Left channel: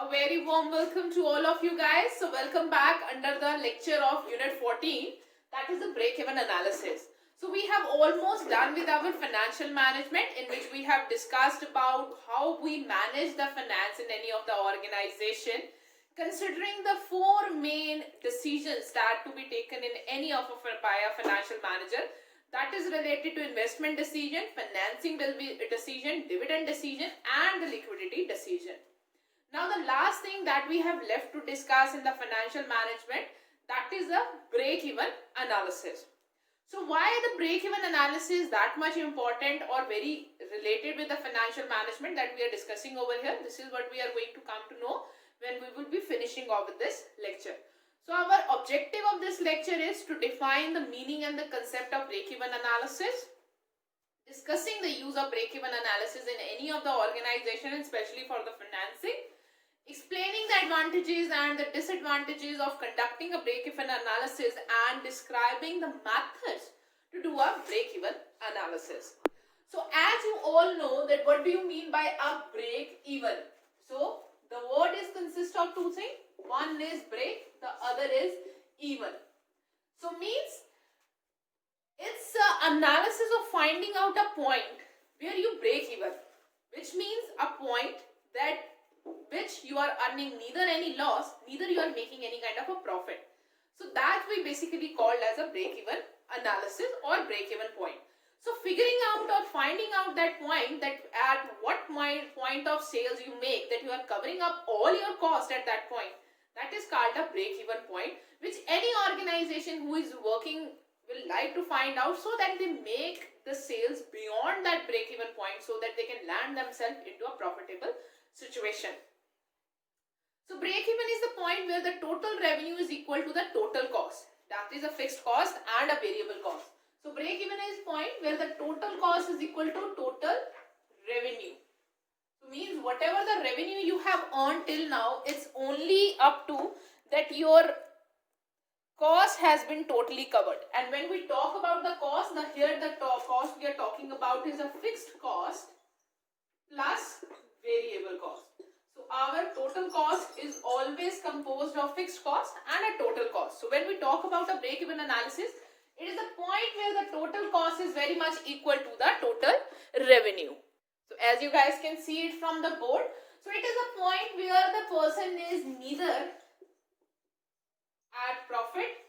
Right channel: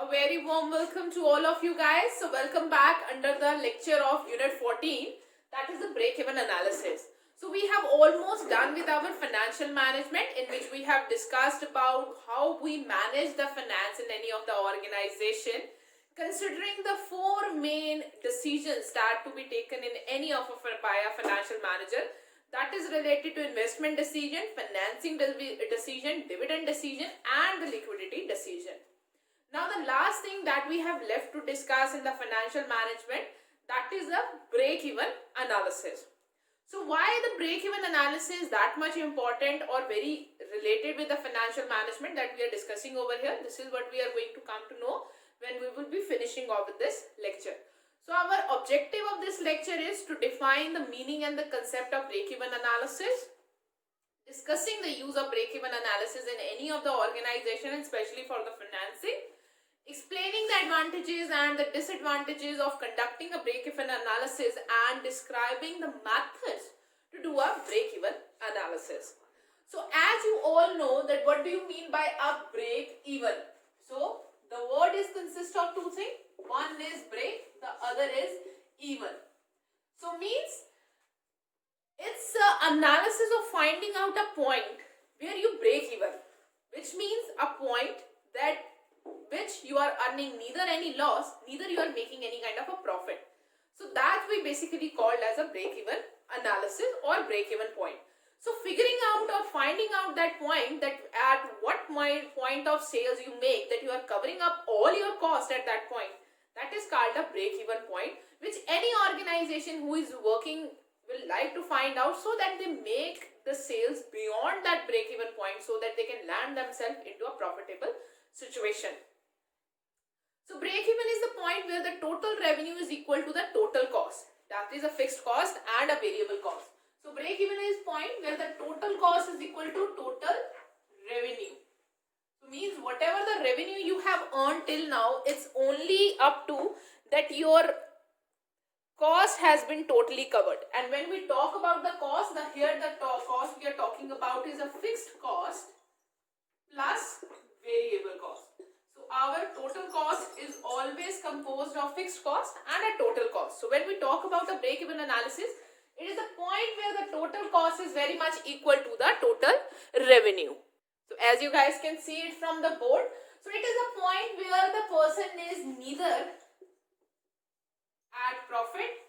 A very warm welcome to all of you guys. So welcome back under the lecture of Unit 14, that is the break-even analysis. So we have almost done with our financial management, in which we have discussed about how we manage the finance in any of the organization, considering the four main decisions that to be taken in any of by a financial manager. That is related to investment decision, financing decision, dividend decision, and the liquidity decision. Now the last thing that we have left to discuss in the financial management, that is the break-even analysis. So why the break-even analysis is that much important or very related with the financial management that we are discussing over here? This is what we are going to come to know when we will be finishing off with this lecture. So our objective of this lecture is to define the meaning and the concept of break-even analysis, discussing the use of break-even analysis in any of the organization, especially for the financing, explaining the advantages and the disadvantages of conducting a break-even analysis, and describing the methods to do a break-even analysis. So as you all know that what do you mean by a break-even? So the word is consist of two things. One is break, the other is even. So means it's an analysis of finding out a point where you break even, which means a point that which you are earning neither any loss, neither you are making any kind of a profit. So that we basically called as a break-even analysis or break-even point. So figuring out or finding out that point, that at what point of sales you make that you are covering up all your cost at that point, that is called a break-even point, which any organization who is working will like to find out, so that they make the sales beyond that break-even point so that they can land themselves into a profitable situation. So break-even is the point where the total revenue is equal to the total cost. That is a fixed cost and a variable cost. So break-even is point where the total cost is equal to total revenue. So means whatever the revenue you have earned till now, it's only up to that your cost has been totally covered. And when we talk about the cost, here the cost we are talking about is a fixed cost plus variable cost. So our total cost is always composed of fixed cost and a total cost. So when we talk about a break-even analysis, it is the point where the total cost is very much equal to the total revenue. So as you guys can see it from the board, so it is a point where the person is neither at profit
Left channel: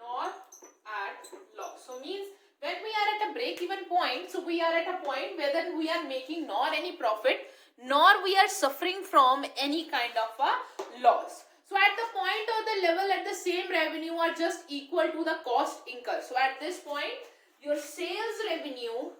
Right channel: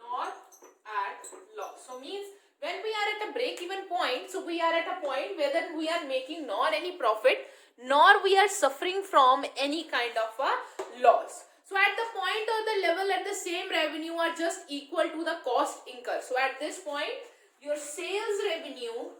nor at loss. So means when we are at a break-even point, so we are at a point whether we are making nor any profit nor we are suffering from any kind of a loss. So at the point or the level at the same revenue are just equal to the cost incurred. So at this point your sales revenue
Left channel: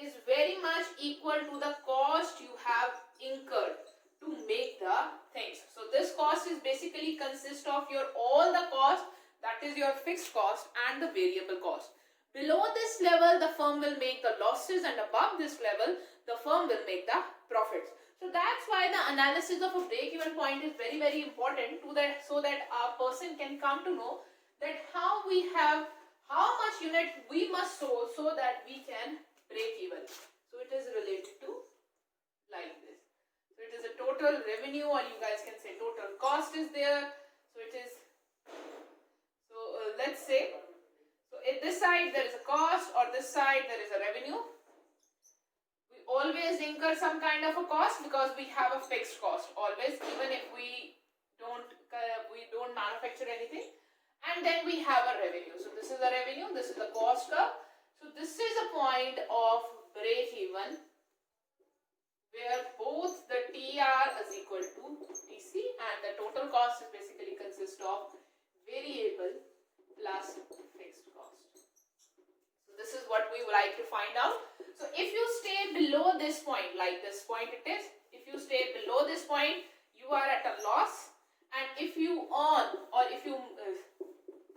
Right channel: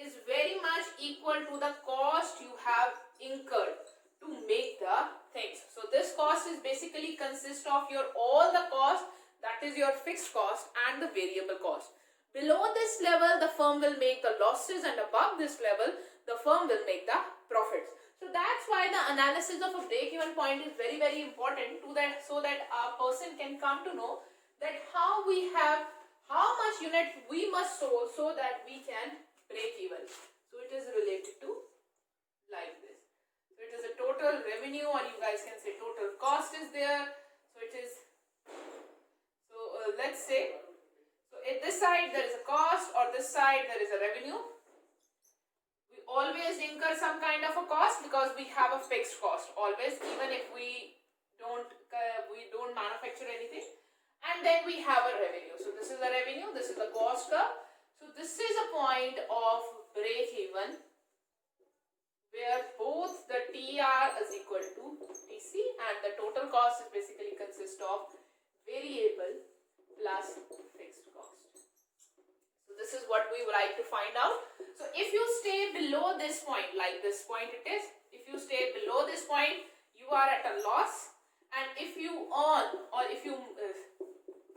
is very much equal to the cost you have incurred to make the things. So this cost is basically consist of your all the cost, that is your fixed cost and the variable cost. Below this level the firm will make the losses, and above this level the firm will make the profits. So that's why the analysis of a break-even point is very important to that, so that a person can come to know that how much unit we must sold so that we can break even. So it is related to like this. So it is a total revenue, or you guys can say total cost is there. So it is, let's say, so at this side there is a cost, or this side there is a revenue. We always incur some kind of a cost because we have a fixed cost always, even if we don't manufacture anything. And then we have a revenue. So this is the revenue, this is the cost curve. So this is a point of break even where both the TR is equal to TC, and the total cost is basically consist of variable plus fixed cost. So this is what we would like to find out. So if you stay below this point, like this point it is, if you stay below this point, you are at a loss. And if you earn, or if you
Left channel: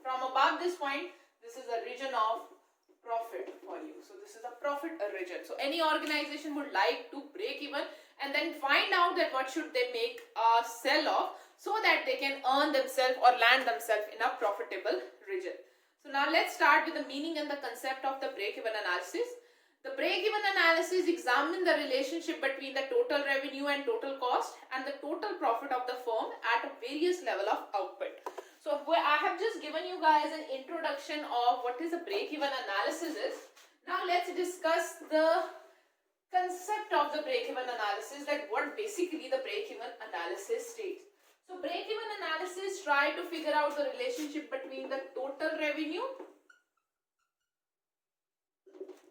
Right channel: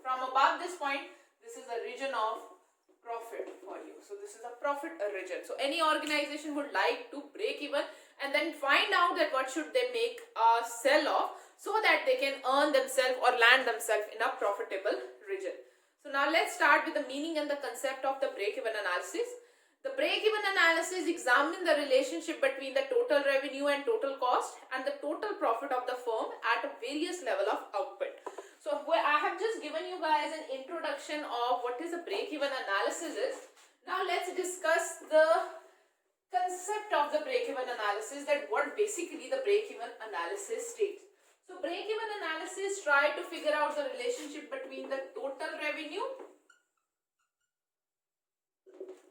from above this point, this is a region of profit for you. So this is a profit region. So any organization would like to break even and then find out that what should they make a sell off, so that they can earn themselves or land themselves in a profitable region. So now let's start with the meaning and the concept of the break-even analysis. The break-even analysis examines the relationship between the total revenue and total cost and the total profit of the firm at a various level of output. So I have just given you guys an introduction of what is a break-even analysis is. Now let's discuss the concept of the break-even analysis, that what basically the break-even analysis states. So break-even analysis try to figure out the relationship between the total revenue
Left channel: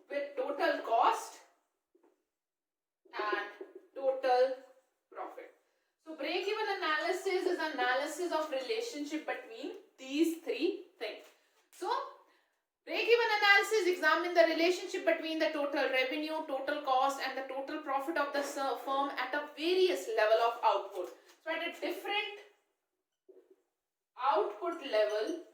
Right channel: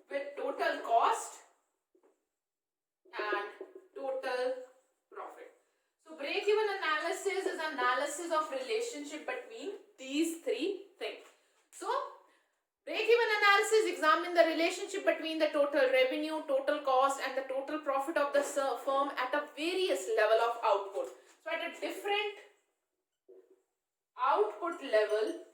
with total cost and total profit. So break-even analysis is analysis of relationship between these three things. So break-even analysis examines the relationship between the total revenue, total cost and the total profit of the firm at a various level of output. So at a different output level,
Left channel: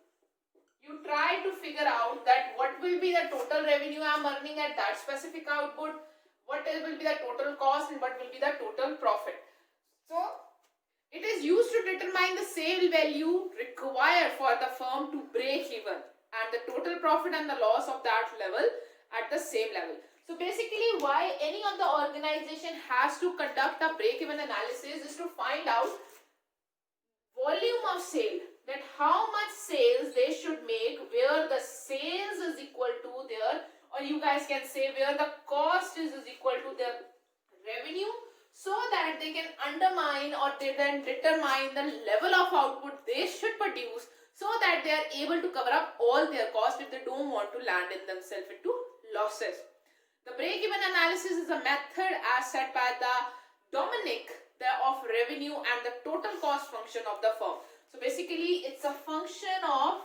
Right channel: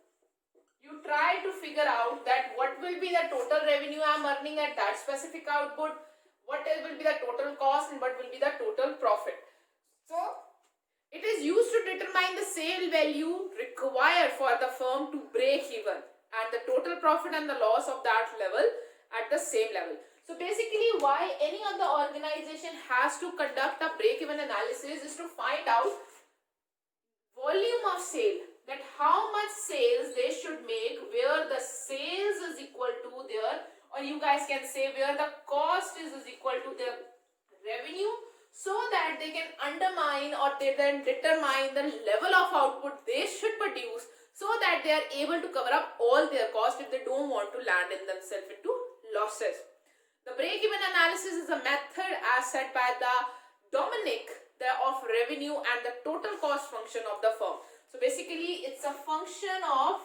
you try to figure out that what will be the total revenue I am earning at that specific output, what will be the total cost and what will be the total profit. So it is used to determine the sale value required for the firm to break even and the total profit and the loss of that level at the same level. So basically why any of the organization has to conduct a break-even analysis is to find out volume of sale, that how much sales they should make where the sales is equal to their, or you guys can say where the cost is equal to their revenue, so that they can undermine or they can determine the level of output they should produce, so that they are able to cover up all their costs if they don't want to land in themselves into losses. The break-even analysis is a method as set by the Dominic of revenue and the total cost function of the firm. So basically it's a function of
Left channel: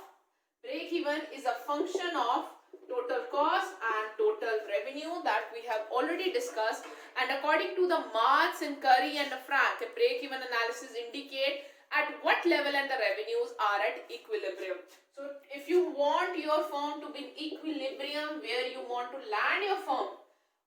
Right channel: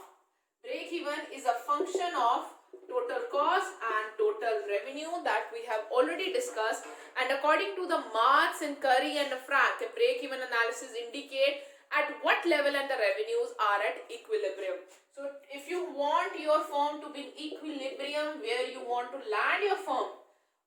break-even is a function of total cost and total revenue that we have already discussed, and according to the Marx and Curry and Frank, a break-even analysis indicate at what level and the revenues are at equilibrium. So if you want your firm to be in equilibrium, where you want to land your firm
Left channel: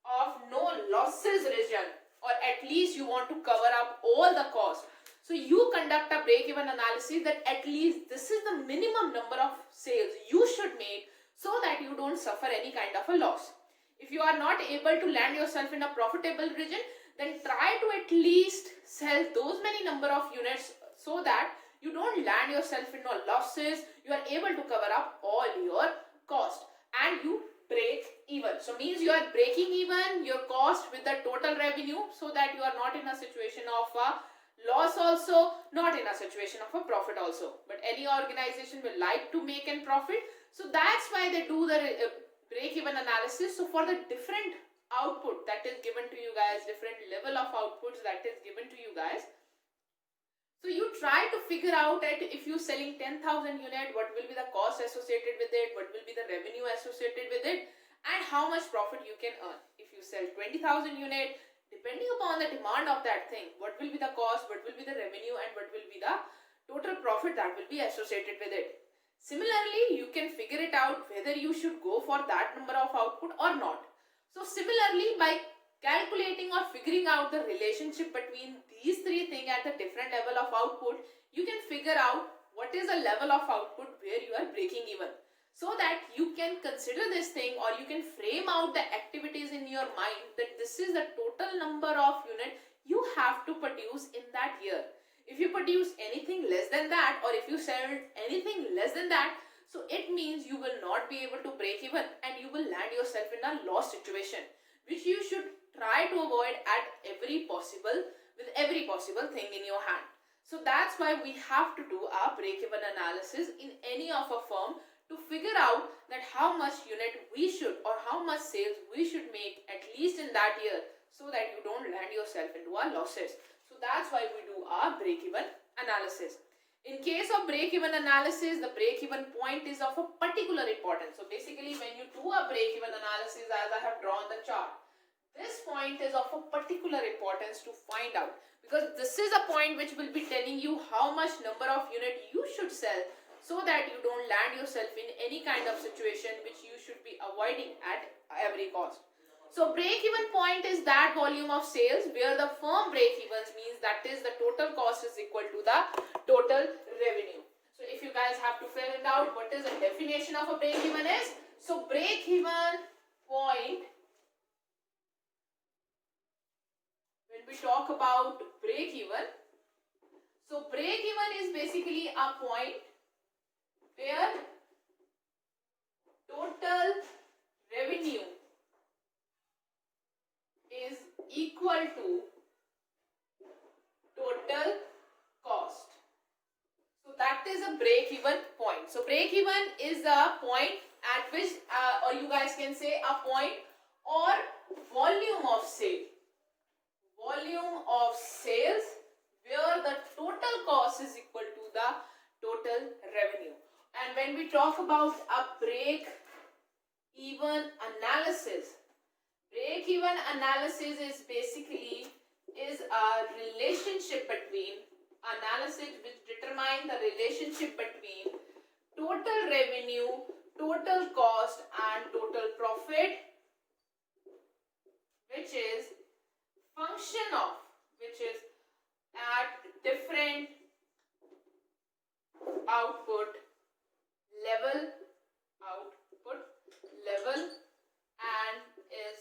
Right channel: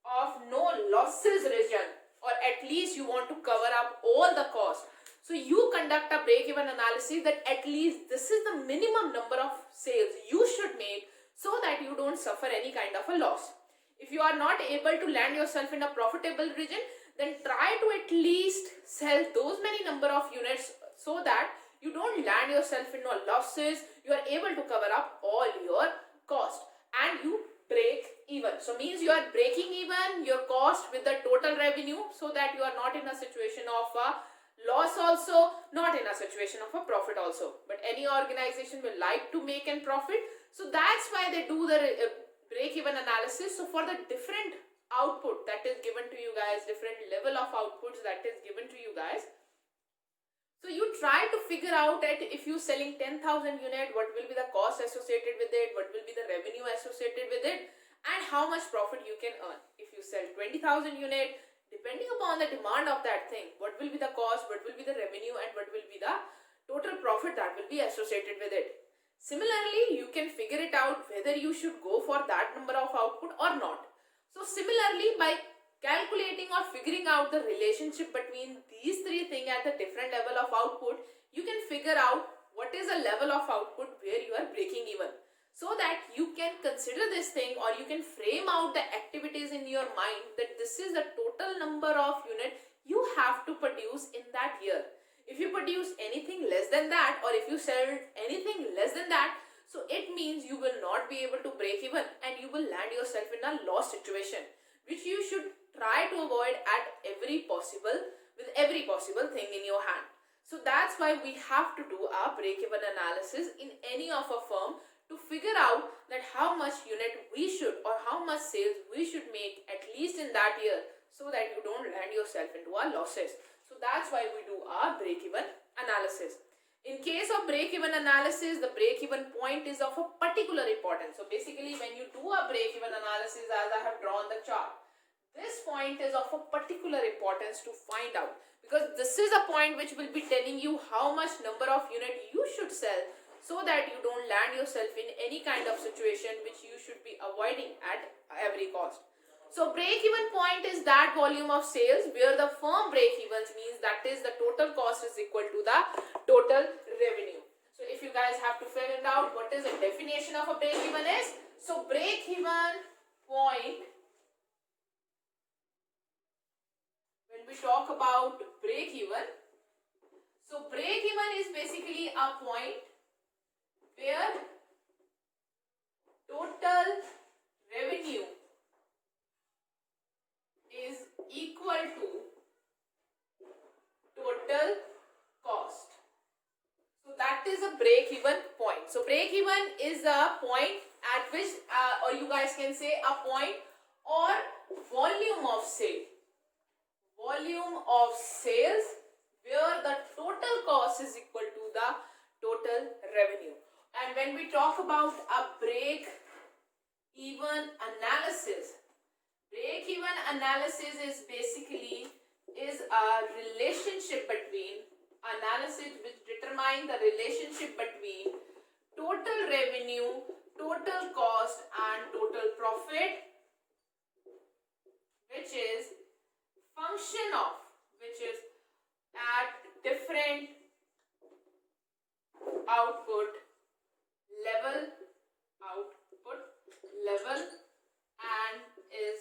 of no losses region, or at least you want to cover up all the costs, so you conduct a break-even analysis that at least this is the minimum number of sales you should make so that you don't suffer any kind of a loss. If you are not able to land yourself in a profitable region, then try to at least sell those many number of units so that you don't land yourself in no losses, you are able to cover up all your cost and you break even. So means you are breaking even your cost with the total revenue, so that you are not in a situation of a loss also, not in a situation of a profit also. But any organization will like to make a profit, so that's why they do the break-even analysis. So for the different output that is given to you guys, different level of outputs that is given to you guys, so you try to figure out that if you selling 10,000 unit, what will be the cost associated with it, what will be the revenue associated with it, and how much profit you can earn. If you sell 20,000 unit, depending upon the demand of that thing, what will be the cost, what will be the revenue, and what will be the total profit that will be associated with it. Similarly, you can figure it out whether you should go for that number of output or not. So similarly, by calculating or figuring out the relationship between these three things at the different level of output, you can figure out what is a level of output where you are breaking even, so that you can consider this thing or you can frame out the activities in your mind that this is the total number of unit you have to produce in that year. If you produce anything less than that, or if you sell anything less than that, so it means you will not be able to break even and you will land yourself in a loss situation, which you should try to avoid at every possible thing in your hand. So that's why we have to do our break-even analysis in any of a firm to figure out that how much unit we should or how much sales we should make at least in that year, so that you don't land yourself into our losses. So that's why we do our break-even analysis. In case of break-even analysis, the break-even point is of a particular importance. So basically when you do a break-even analysis, as I have drawn the chart, this point is of a particular importance to find out, because this is a point which will be telling you how much number of unit you should sell, so that you don't land yourself in any kind of situation which you should be avoiding at every cost. So break-even point is that volume of sales where the firm break-evens, means that is the total cost is equal to the total revenue. So if you guys have to figure out what is the definition of a break-even is, so break-even point we talk about break even, so break even is basically a point where total revenue is equal to total cost. So that is a break even point. So break even is a point at which or you guys can say a point or volume of sale. Volume of sales where the total cost is equal to the total revenue. And when we talk about a break even analysis is basically a relationship between analysis which determine the relationship between total revenue, total cost and total profit, which is function of, which is at different output level and is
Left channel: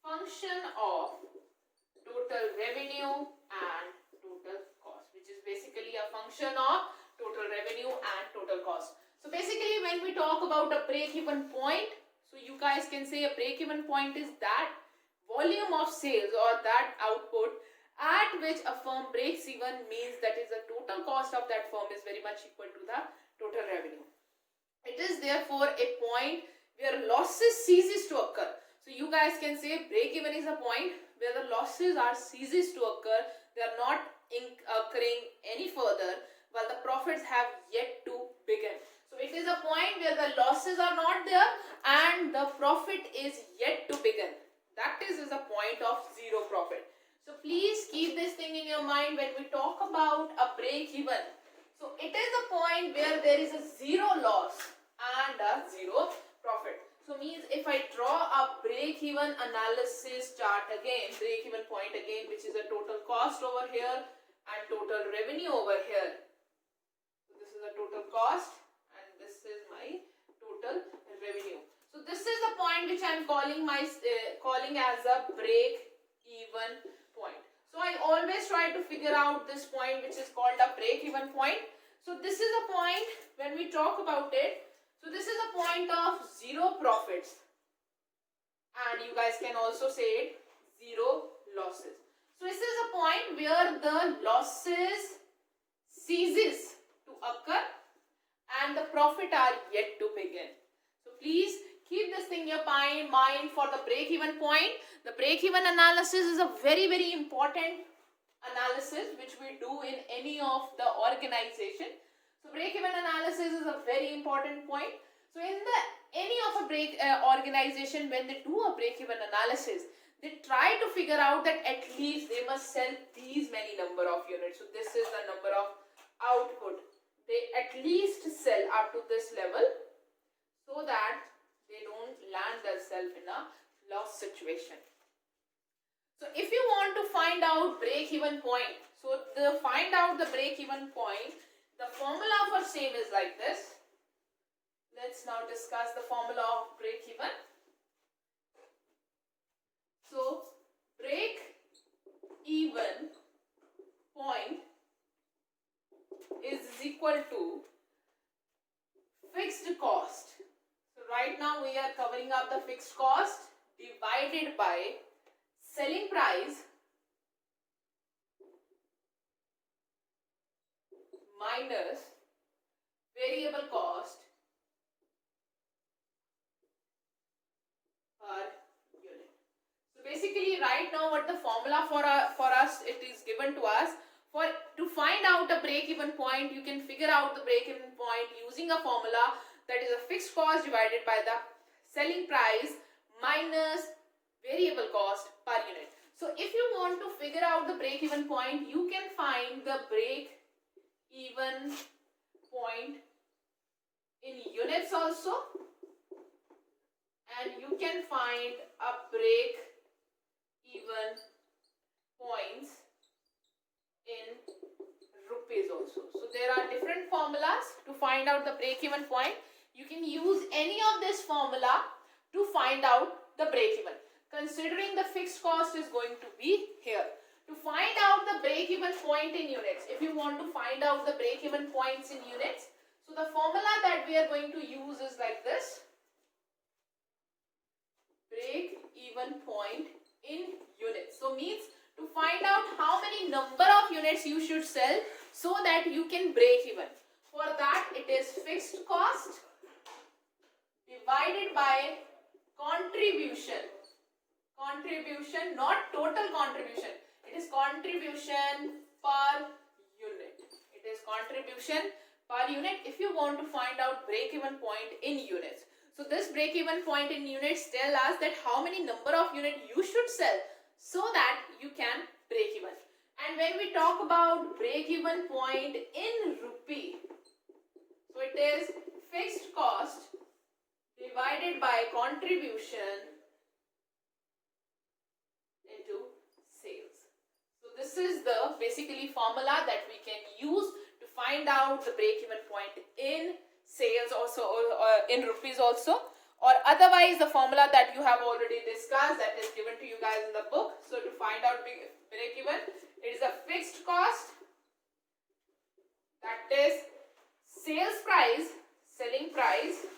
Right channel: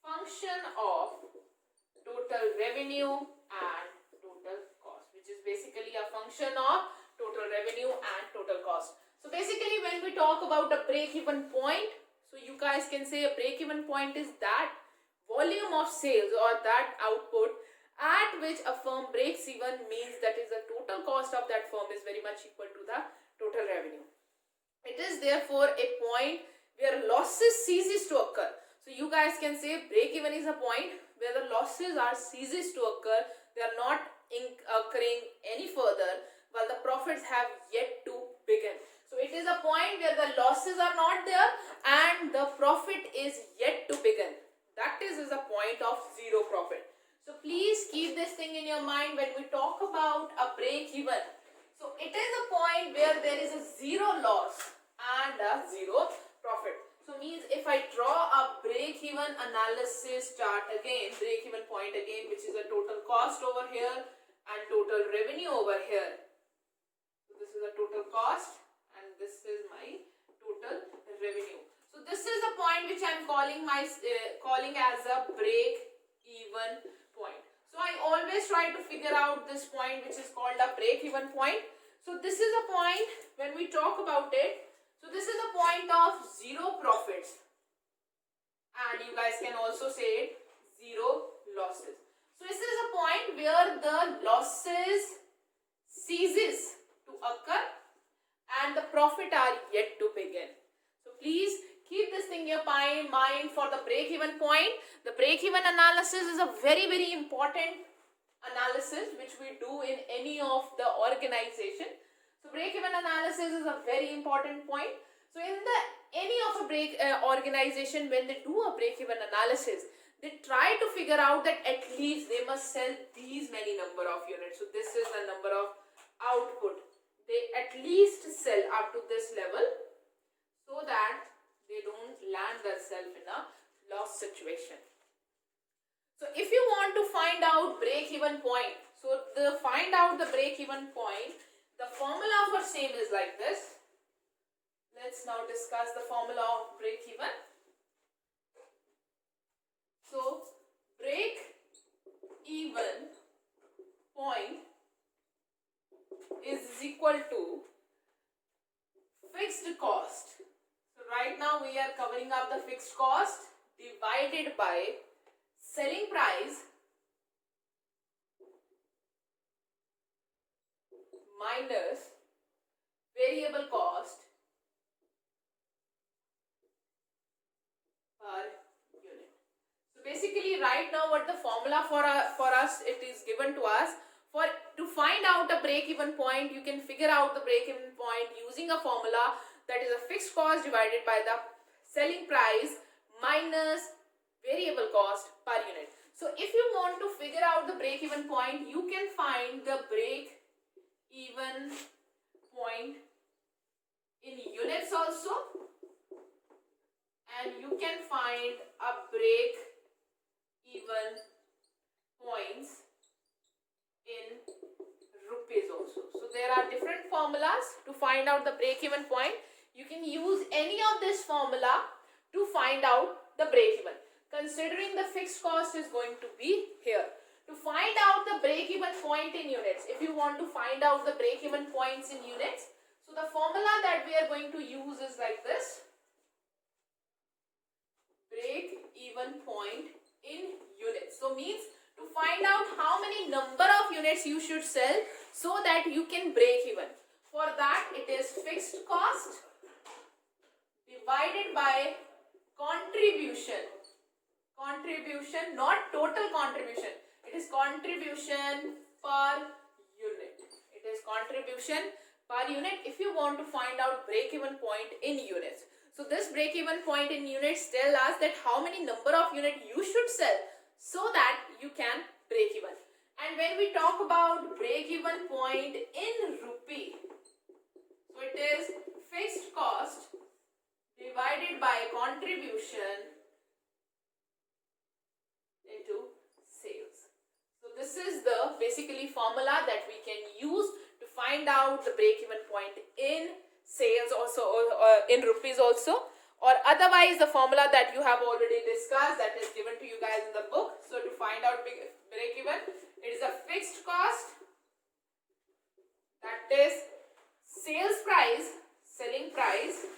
function of total revenue and total cost, which is basically a function of total revenue and total cost. So basically when we talk about a break-even point, so you guys can say a break-even point is that volume of sales or that output at which a firm breaks even, means that is the total cost of that firm is very much equal to the total revenue. It is therefore a point where losses ceases to occur. So you guys can say break even is a point where the losses are ceases to occur, they are not occurring any further while the profits have yet to begin. So it is a point where the losses are not there and the profit is yet to begin. That is a point of zero profit. So please keep this thing in your mind when we talk about a break even. So it is a point where there is a zero loss and a zero profit. So means if I draw a break even analysis chart again, break even point again, which is a total cost over here and total revenue over here. So this is a total cost and this is my total revenue. So this is the point which I am calling as a break even point. So I always try to figure out this point which is called a break even point. So this is a point when we talk about it. So this is a point of zero profits and you guys can also say it zero losses. So this is a point where the losses ceases to occur and the profit are yet to begin. So please keep this thing in your mind for the break-even point. The break-even analysis is a very, very important analysis which we do in any of the organization. So break-even analysis is a very important point. So in any of a organization, when they do a break-even analysis, they try to figure out that at least they must sell these many number of units. So this is the number of output. They at least sell up to this level so that they don't land themselves in a loss situation. So if you want to find out break-even point, so find out the break-even point, the formula for same is like this. Let's now discuss the formula of break-even. So break-even point is equal to fixed cost. So right now we are covering up the fixed cost divided by selling price minus variable cost per unit. So basically right now what the formula for us, it is given to us. To find out a break-even point, you can figure out the break-even point using a formula that is a fixed cost divided by the selling price minus variable cost per unit. So if you want to figure out the break-even point, you can find the break-even point in units also, and you can find a break-even points in rupees also. So there are different formulas to find out the break-even point. You can use any of this formula to find out the break-even, considering the fixed cost is going to be here. To find out the break-even point in units, if you want to find out the break-even points in units, so the formula that we are going to use is like this. Break-even point in units. So means to find out how many number of units you should sell so that you can break even. For that, it is fixed cost divided by contribution. Contribution, not total contribution. It is contribution per unit. It is contribution per unit if you want to find out break-even point in units. So this break-even point in units tell us that how many number of units you should sell so that you can break even. And when we talk about break-even point in rupee, so it is fixed cost divided by contribution into sales. So this is the basically formula that we can use to find out the break-even point in sales also, or in rupees also, or otherwise the formula that you have already discussed that is given to you guys in the book. So to find out break-even, it is a fixed cost, that is sales price, selling price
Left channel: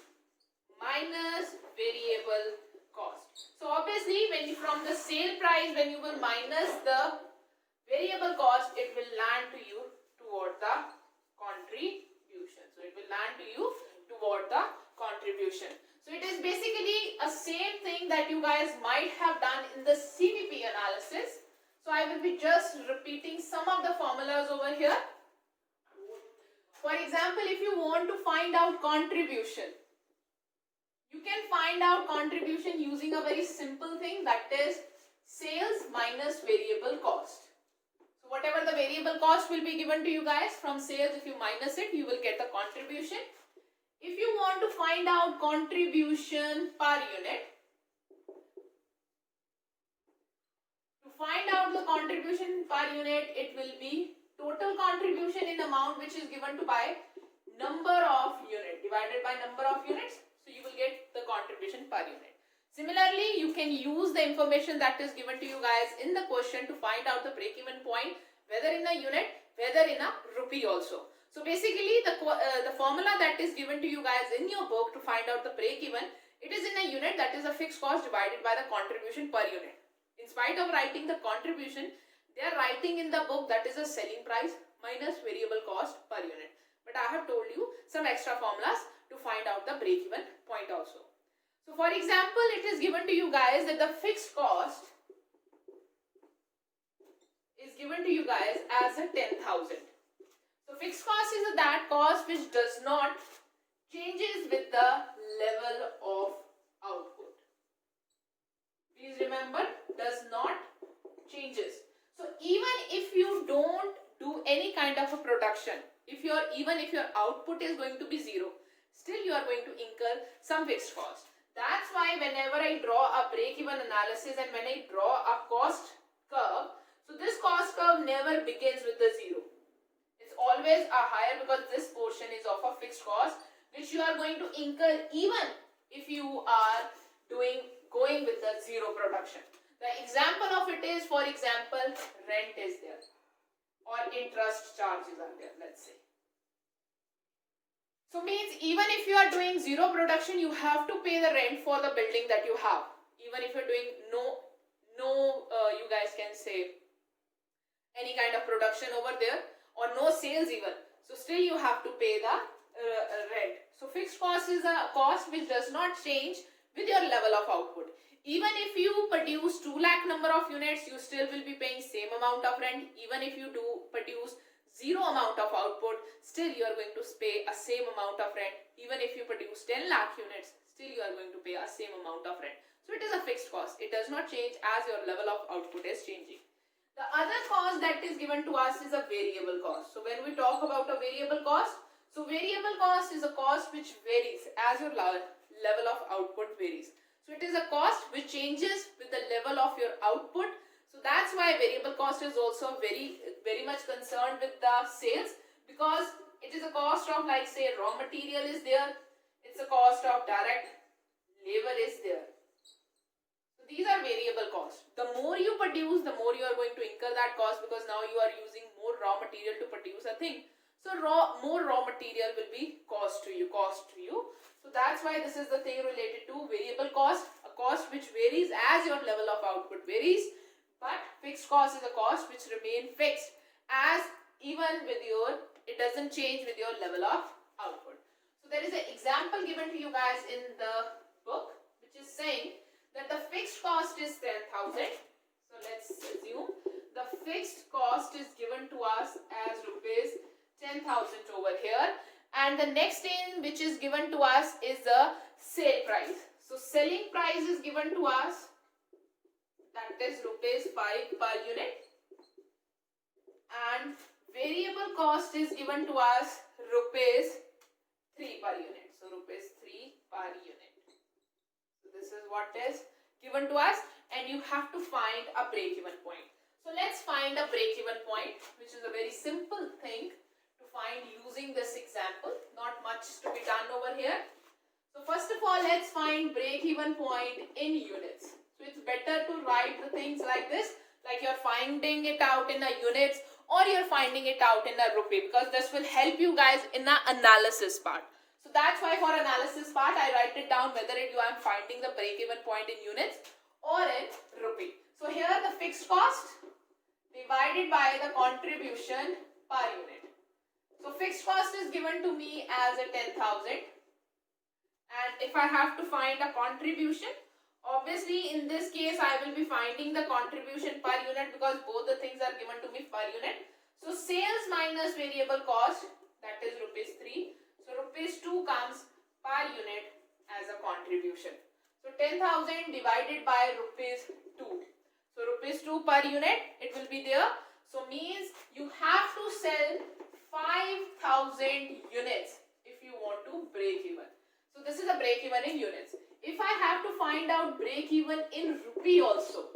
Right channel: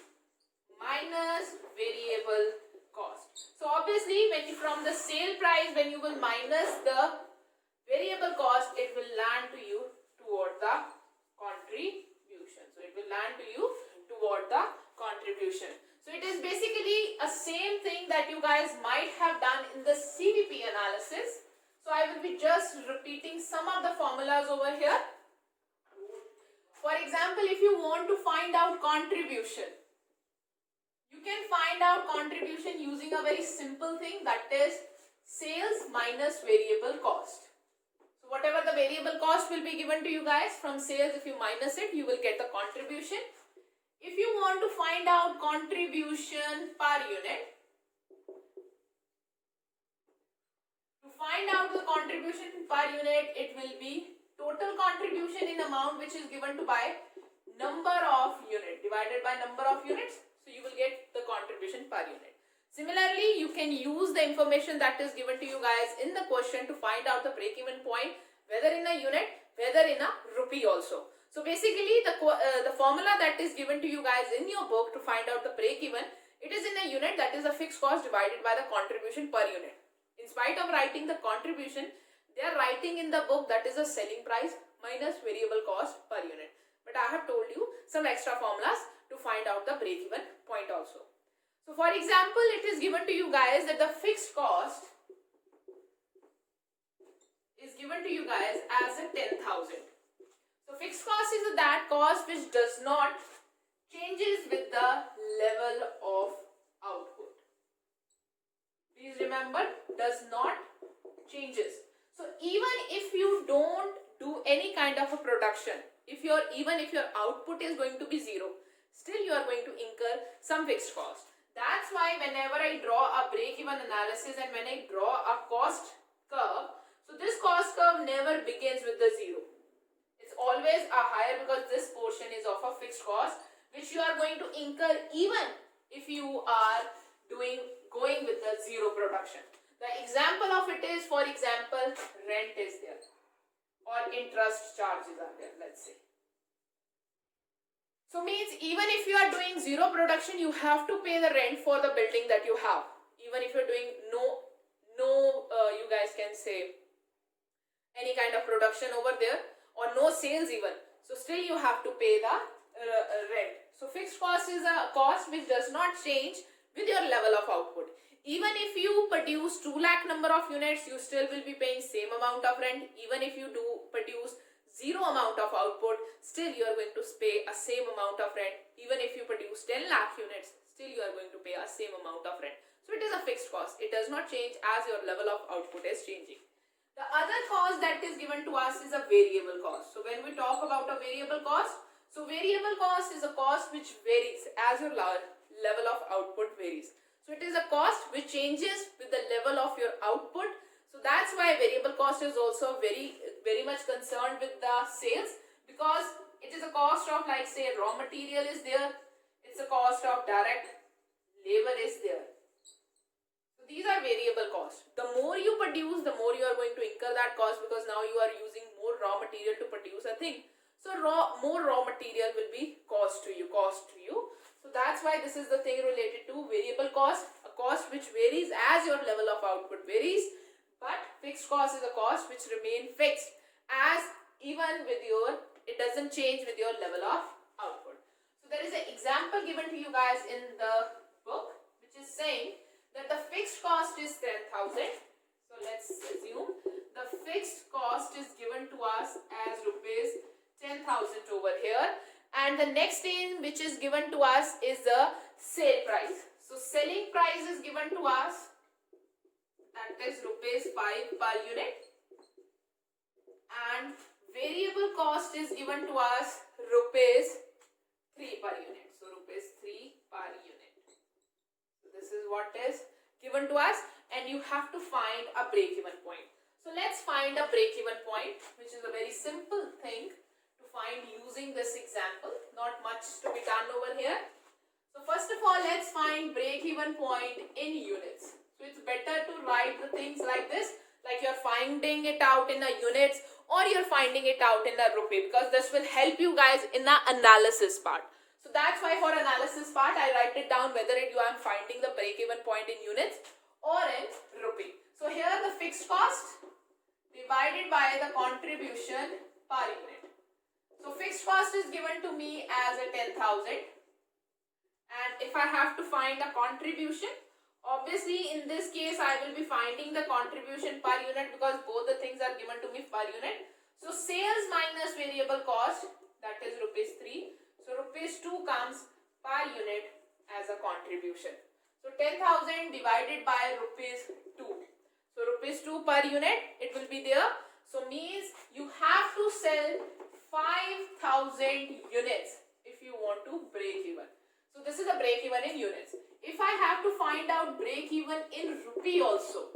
minus variable cost. So obviously when you, from the sale price, when you will minus the variable cost, it will land to you toward the contribution. So it will land to you toward the contribution. So it is basically a same thing that you guys might have done in the CVP analysis. So I will be just repeating some of the formulas over here. For example, if you want to find out contribution, you can find out contribution using a very simple thing, that is sales minus variable cost. So whatever the variable cost will be given to you guys from sales, if you minus it, you will get the contribution. If you want to find out contribution per unit, to find out the contribution per unit, it will be total contribution in amount which is given to by number of unit divided by number of units. So you will get the contribution per unit. Similarly, you can use the information that is given to you guys in the question to find out the break-even point, whether in a unit, whether in a rupee also. So basically, the formula that is given to you guys in your book to find out the break-even, it is in a unit, that is a fixed cost divided by the contribution per unit. In spite of writing the contribution, they are writing in the book that is a selling price minus variable cost per unit. But I have told you some extra formulas to find out the break-even point also. So for example, it is given to you guys that the fixed cost is given to you guys as a 10,000. So fixed cost is that cost which does not changes with the level of output. Please remember, does not changes. So even if you don't do any kind of a production, even if your output is going to be zero, still you are going to incur some fixed cost. That's why whenever I draw a break-even analysis and when I draw a cost curve, so this cost curve never begins with the zero. It's always a higher, because this portion is of a fixed cost which you are going to incur even if you are going with the zero production. The example of it is, for example, rent is there or interest charges are there, let's say. So means even if you are doing zero production, you have to pay the rent for the building that you have. Even if you're doing you guys can say any kind of production over there or no sales even. So still you have to pay the rent. So fixed cost is a cost which does not change with your level of output. Even if you produce 2 lakh number of units, you still will be paying same amount of rent. Even if you do produce zero amount of output, still you are going to pay a same amount of rent. Even if you produce 10 lakh units, still you are going to pay a same amount of rent. So it is a fixed cost. It does not change as your level of output is changing. The other cost that is given to us is a variable cost. So when we talk about a variable cost, so variable cost is a cost which varies as your level of output varies. So it is a cost which changes with the level of your output. So that's why variable cost is also very much concerned with the sales, because it is a cost of, like say, raw material is there, it's a cost of direct labor is there. So these are variable costs. The more you produce, the more you are going to incur that cost, because now you are using more raw material to produce a thing. So more raw material will be cost to you. So that's why this is the thing related to variable cost, a cost which varies as your level of output varies, but fixed cost is a cost which remain fixed as even with your, it doesn't change with your level of output. So there is an example given to you guys in the book which is saying that the fixed cost is 10,000. So let's assume the fixed cost is given to us as rupees 10,000 over here, and the next thing which is given to us is the sale price. So selling price is given to us, that is rupees 5 per unit, and variable cost is given to us rupees 3 per unit. So rupees 3 per unit. So this is what is given to us, and you have to find a break-even point. So let's find a break-even point, which is a very simple thing to find using this example. Not much to be done over here. So first of all, let's find break-even point in units. So it's better to write the things like this, like you're finding it out in a units or you're finding it out in a rupee, because this will help you guys in the analysis part. So that's why for analysis part, I write it down whether you are finding the break-even point in units or in rupee. So here the fixed cost divided by the contribution per unit. So fixed cost is given to me as a 10,000, and if I have to find a contribution, obviously in this case I will be finding the contribution per unit because both the things are given to me per unit. So sales minus variable cost, that is rupees 3. So rupees 2 comes per unit as a contribution. So 10,000 divided by rupees 2. So rupees 2 per unit it will be there. So means you have to sell 5,000 units if you want to break even. So this is a break even in units. If I have to find out break even in rupee also,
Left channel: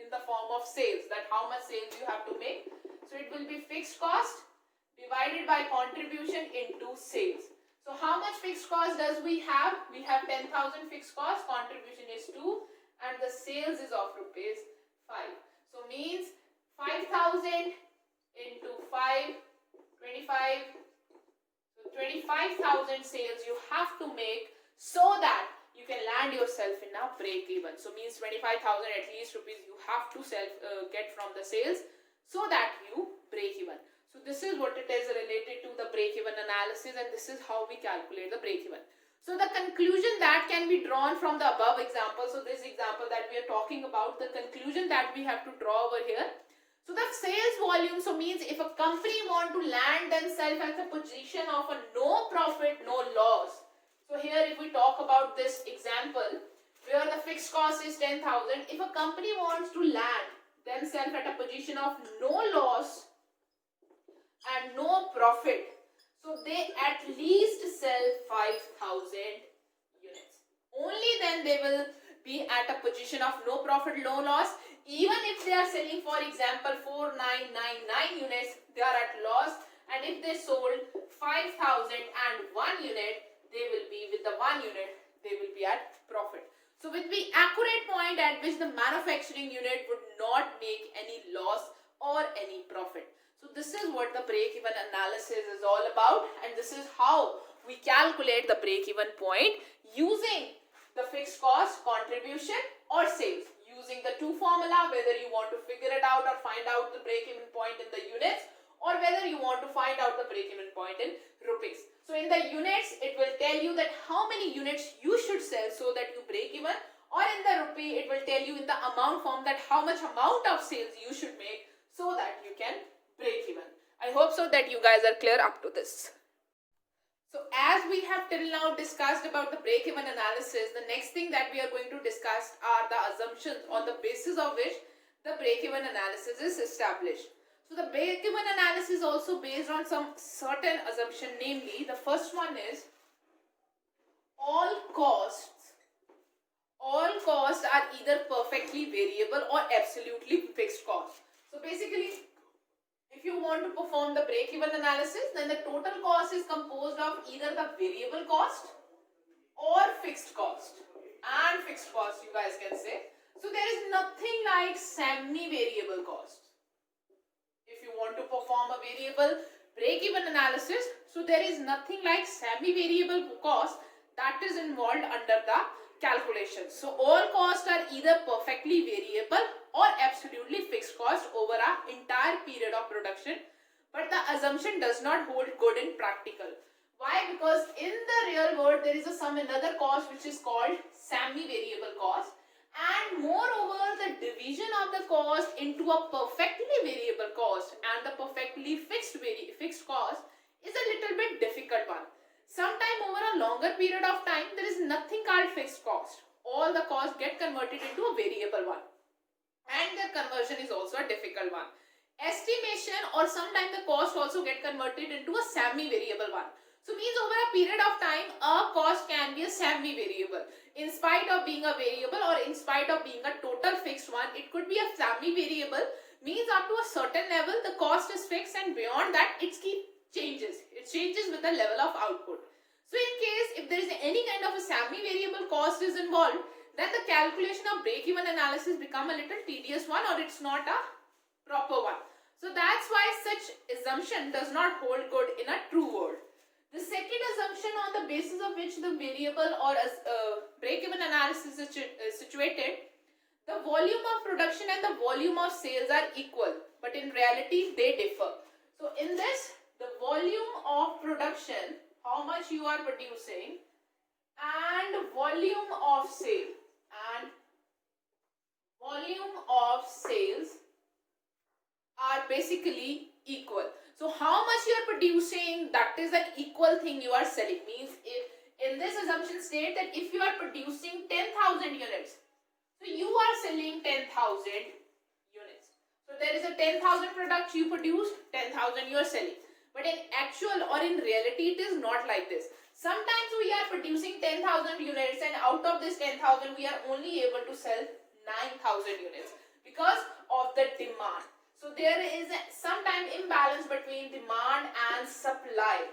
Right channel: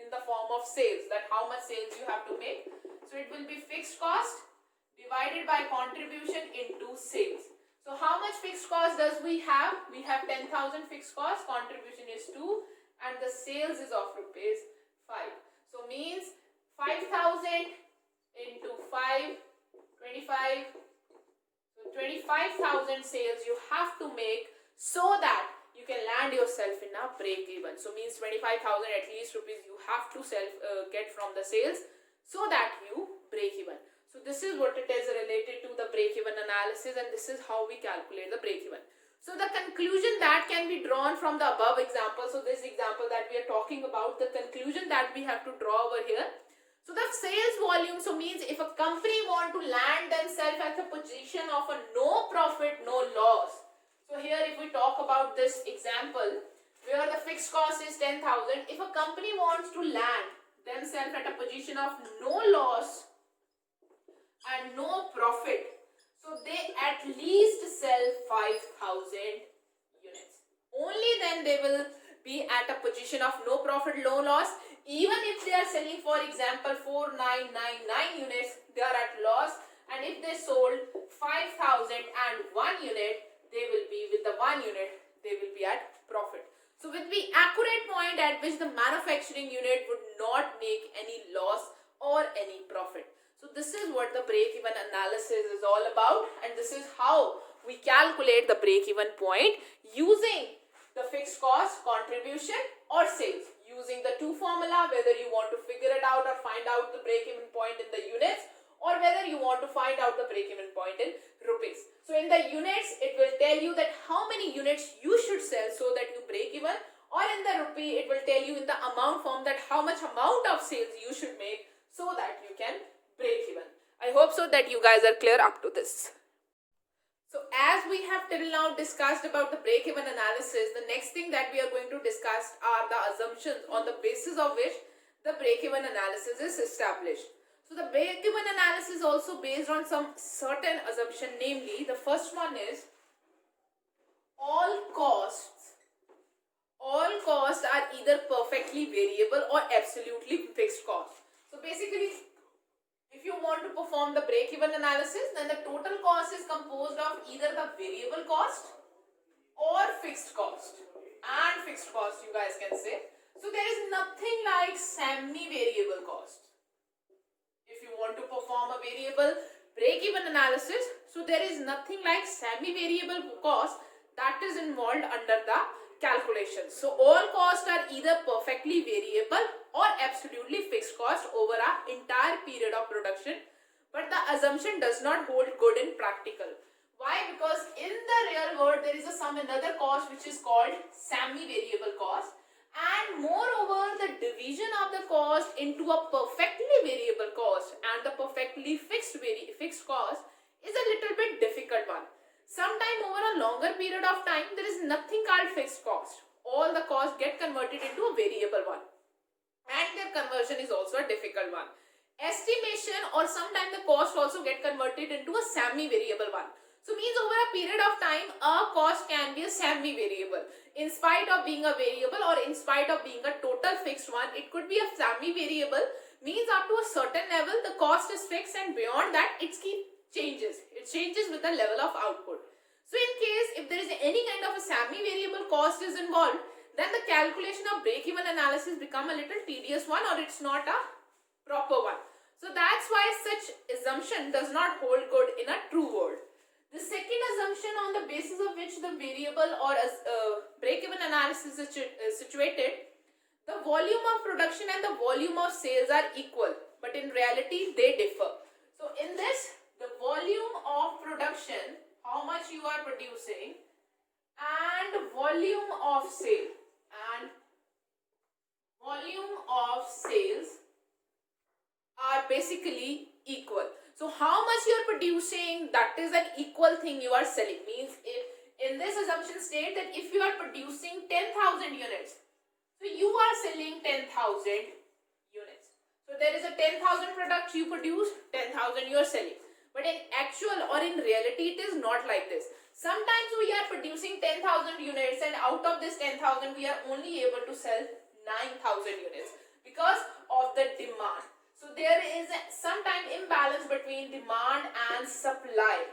in the form of sales, that how much sales you have to make, so it will be fixed cost divided by contribution into sales. So how much fixed cost does we have? We have 10,000 fixed cost, contribution is 2, and the sales is of rupees 5. So means 5,000 into 5, 25. So 25,000 sales you have to make so that you can land yourself in a break even. So means 25,000 at least rupees you have to get from the sales so that you break even. So this is what it is related to the break even analysis, and this is how we calculate the break even. So the conclusion that can be drawn from the above example, so this example that we are talking about, the conclusion that we have to draw over here. So the sales volume, so means if a company want to land themselves at the position of a no profit, no loss. So here if we talk about this example where the fixed cost is 10,000, if a company wants to land themselves at a position of no loss and no profit, so they at least sell 5,000 units. Only then they will be at a position of no profit, no loss. Even if they are selling, for example, 4,999 units, they are at loss. And if they sold 5,001 unit, they will be with the 1 unit, they will be at profit. So with the accurate point at which the manufacturing unit would not make any loss or any profit. So this is what the break-even analysis is all about, and this is how we calculate the break-even point using the fixed cost, contribution or sales. Using the two formula, whether you want to figure it out or find out the break-even point in the units, or whether you want to find out the break-even point in rupees. So in the units, it will tell you that how many units you should sell so that you break even, or in the rupee, it will tell you in the amount form that how much amount of sales you should make so that you can break even. I hope so that you guys are clear up to this. So as we have till now discussed about the break-even analysis, the next thing that we are going to discuss are the assumptions on the basis of which the break-even analysis is established. So the break-even analysis is also based on some certain assumption, namely the first one is all costs are either perfectly variable or absolutely fixed cost. So basically, if you want to perform the break-even analysis, then the total cost is composed of either the variable cost or fixed cost. And fixed cost, you guys can say. So there is nothing like semi-variable cost. If you want to perform a variable break-even analysis, so there is nothing like semi-variable cost that is involved under the calculation. So all costs are either perfectly variable or absolutely fixed cost over an entire period of production, but the assumption does not hold good in practical. Why? Because in the real world there is some another cost which is called semi-variable cost, and moreover the division of the cost into a perfectly variable cost and the perfectly fixed cost is a little bit difficult one. Sometime over a longer period of time there is nothing called fixed cost. All the costs get converted into a variable one, and their conversion is also a difficult one. Estimation or sometimes the cost also get converted into a semi-variable one. So means over a period of time a cost can be a semi-variable. In spite of being a variable or in spite of being a total fixed one, it could be a semi-variable. Means up to a certain level the cost is fixed, and beyond that it changes. It changes with the level of output. So in case if there is any kind of a semi-variable cost is involved, then the calculation of break-even analysis become a little tedious one, or it's not a proper one. So that's why such assumption does not hold good in a true world. The second assumption on the basis of which the variable or break-even analysis is situated, the volume of production and the volume of sales are equal, but in reality they differ. So in this, the volume of production, how much you are producing, and volume of sale are basically equal. So how much you are producing, that is an equal thing you are selling. Means if in this assumption state that if you are producing 10,000 units, so you are selling 10,000 units. So there is a 10,000 product you produce, 10,000 you are selling. But in actual or in reality it is not like this. Sometimes we are producing 10,000 units and out of this 10,000 we are only able to sell 9,000 units because of the demand. So there is sometimes imbalance between demand and supply.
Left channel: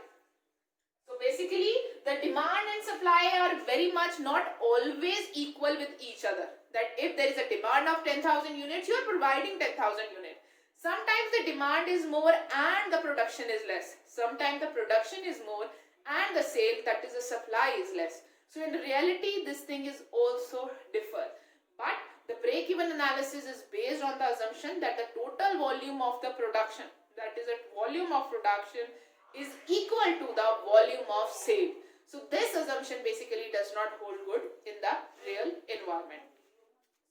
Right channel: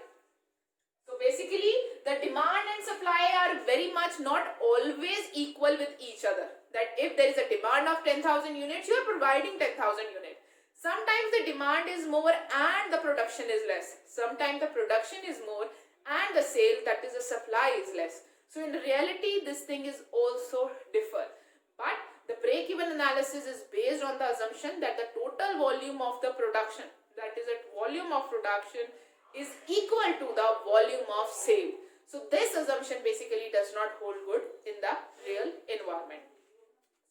So basically the demand and supply are very much not always equal with each other. That if there is a demand of 10,000 units, you are providing 10,000 units. Sometimes the demand is more and the production is less. Sometimes the production is more and the sale, that is the supply, is less. So in reality this thing is also differ. But the break-even analysis is based on the assumption that the total volume of the production, that is the volume of production, is equal to the volume of sale. So this assumption basically does not hold good in the real environment.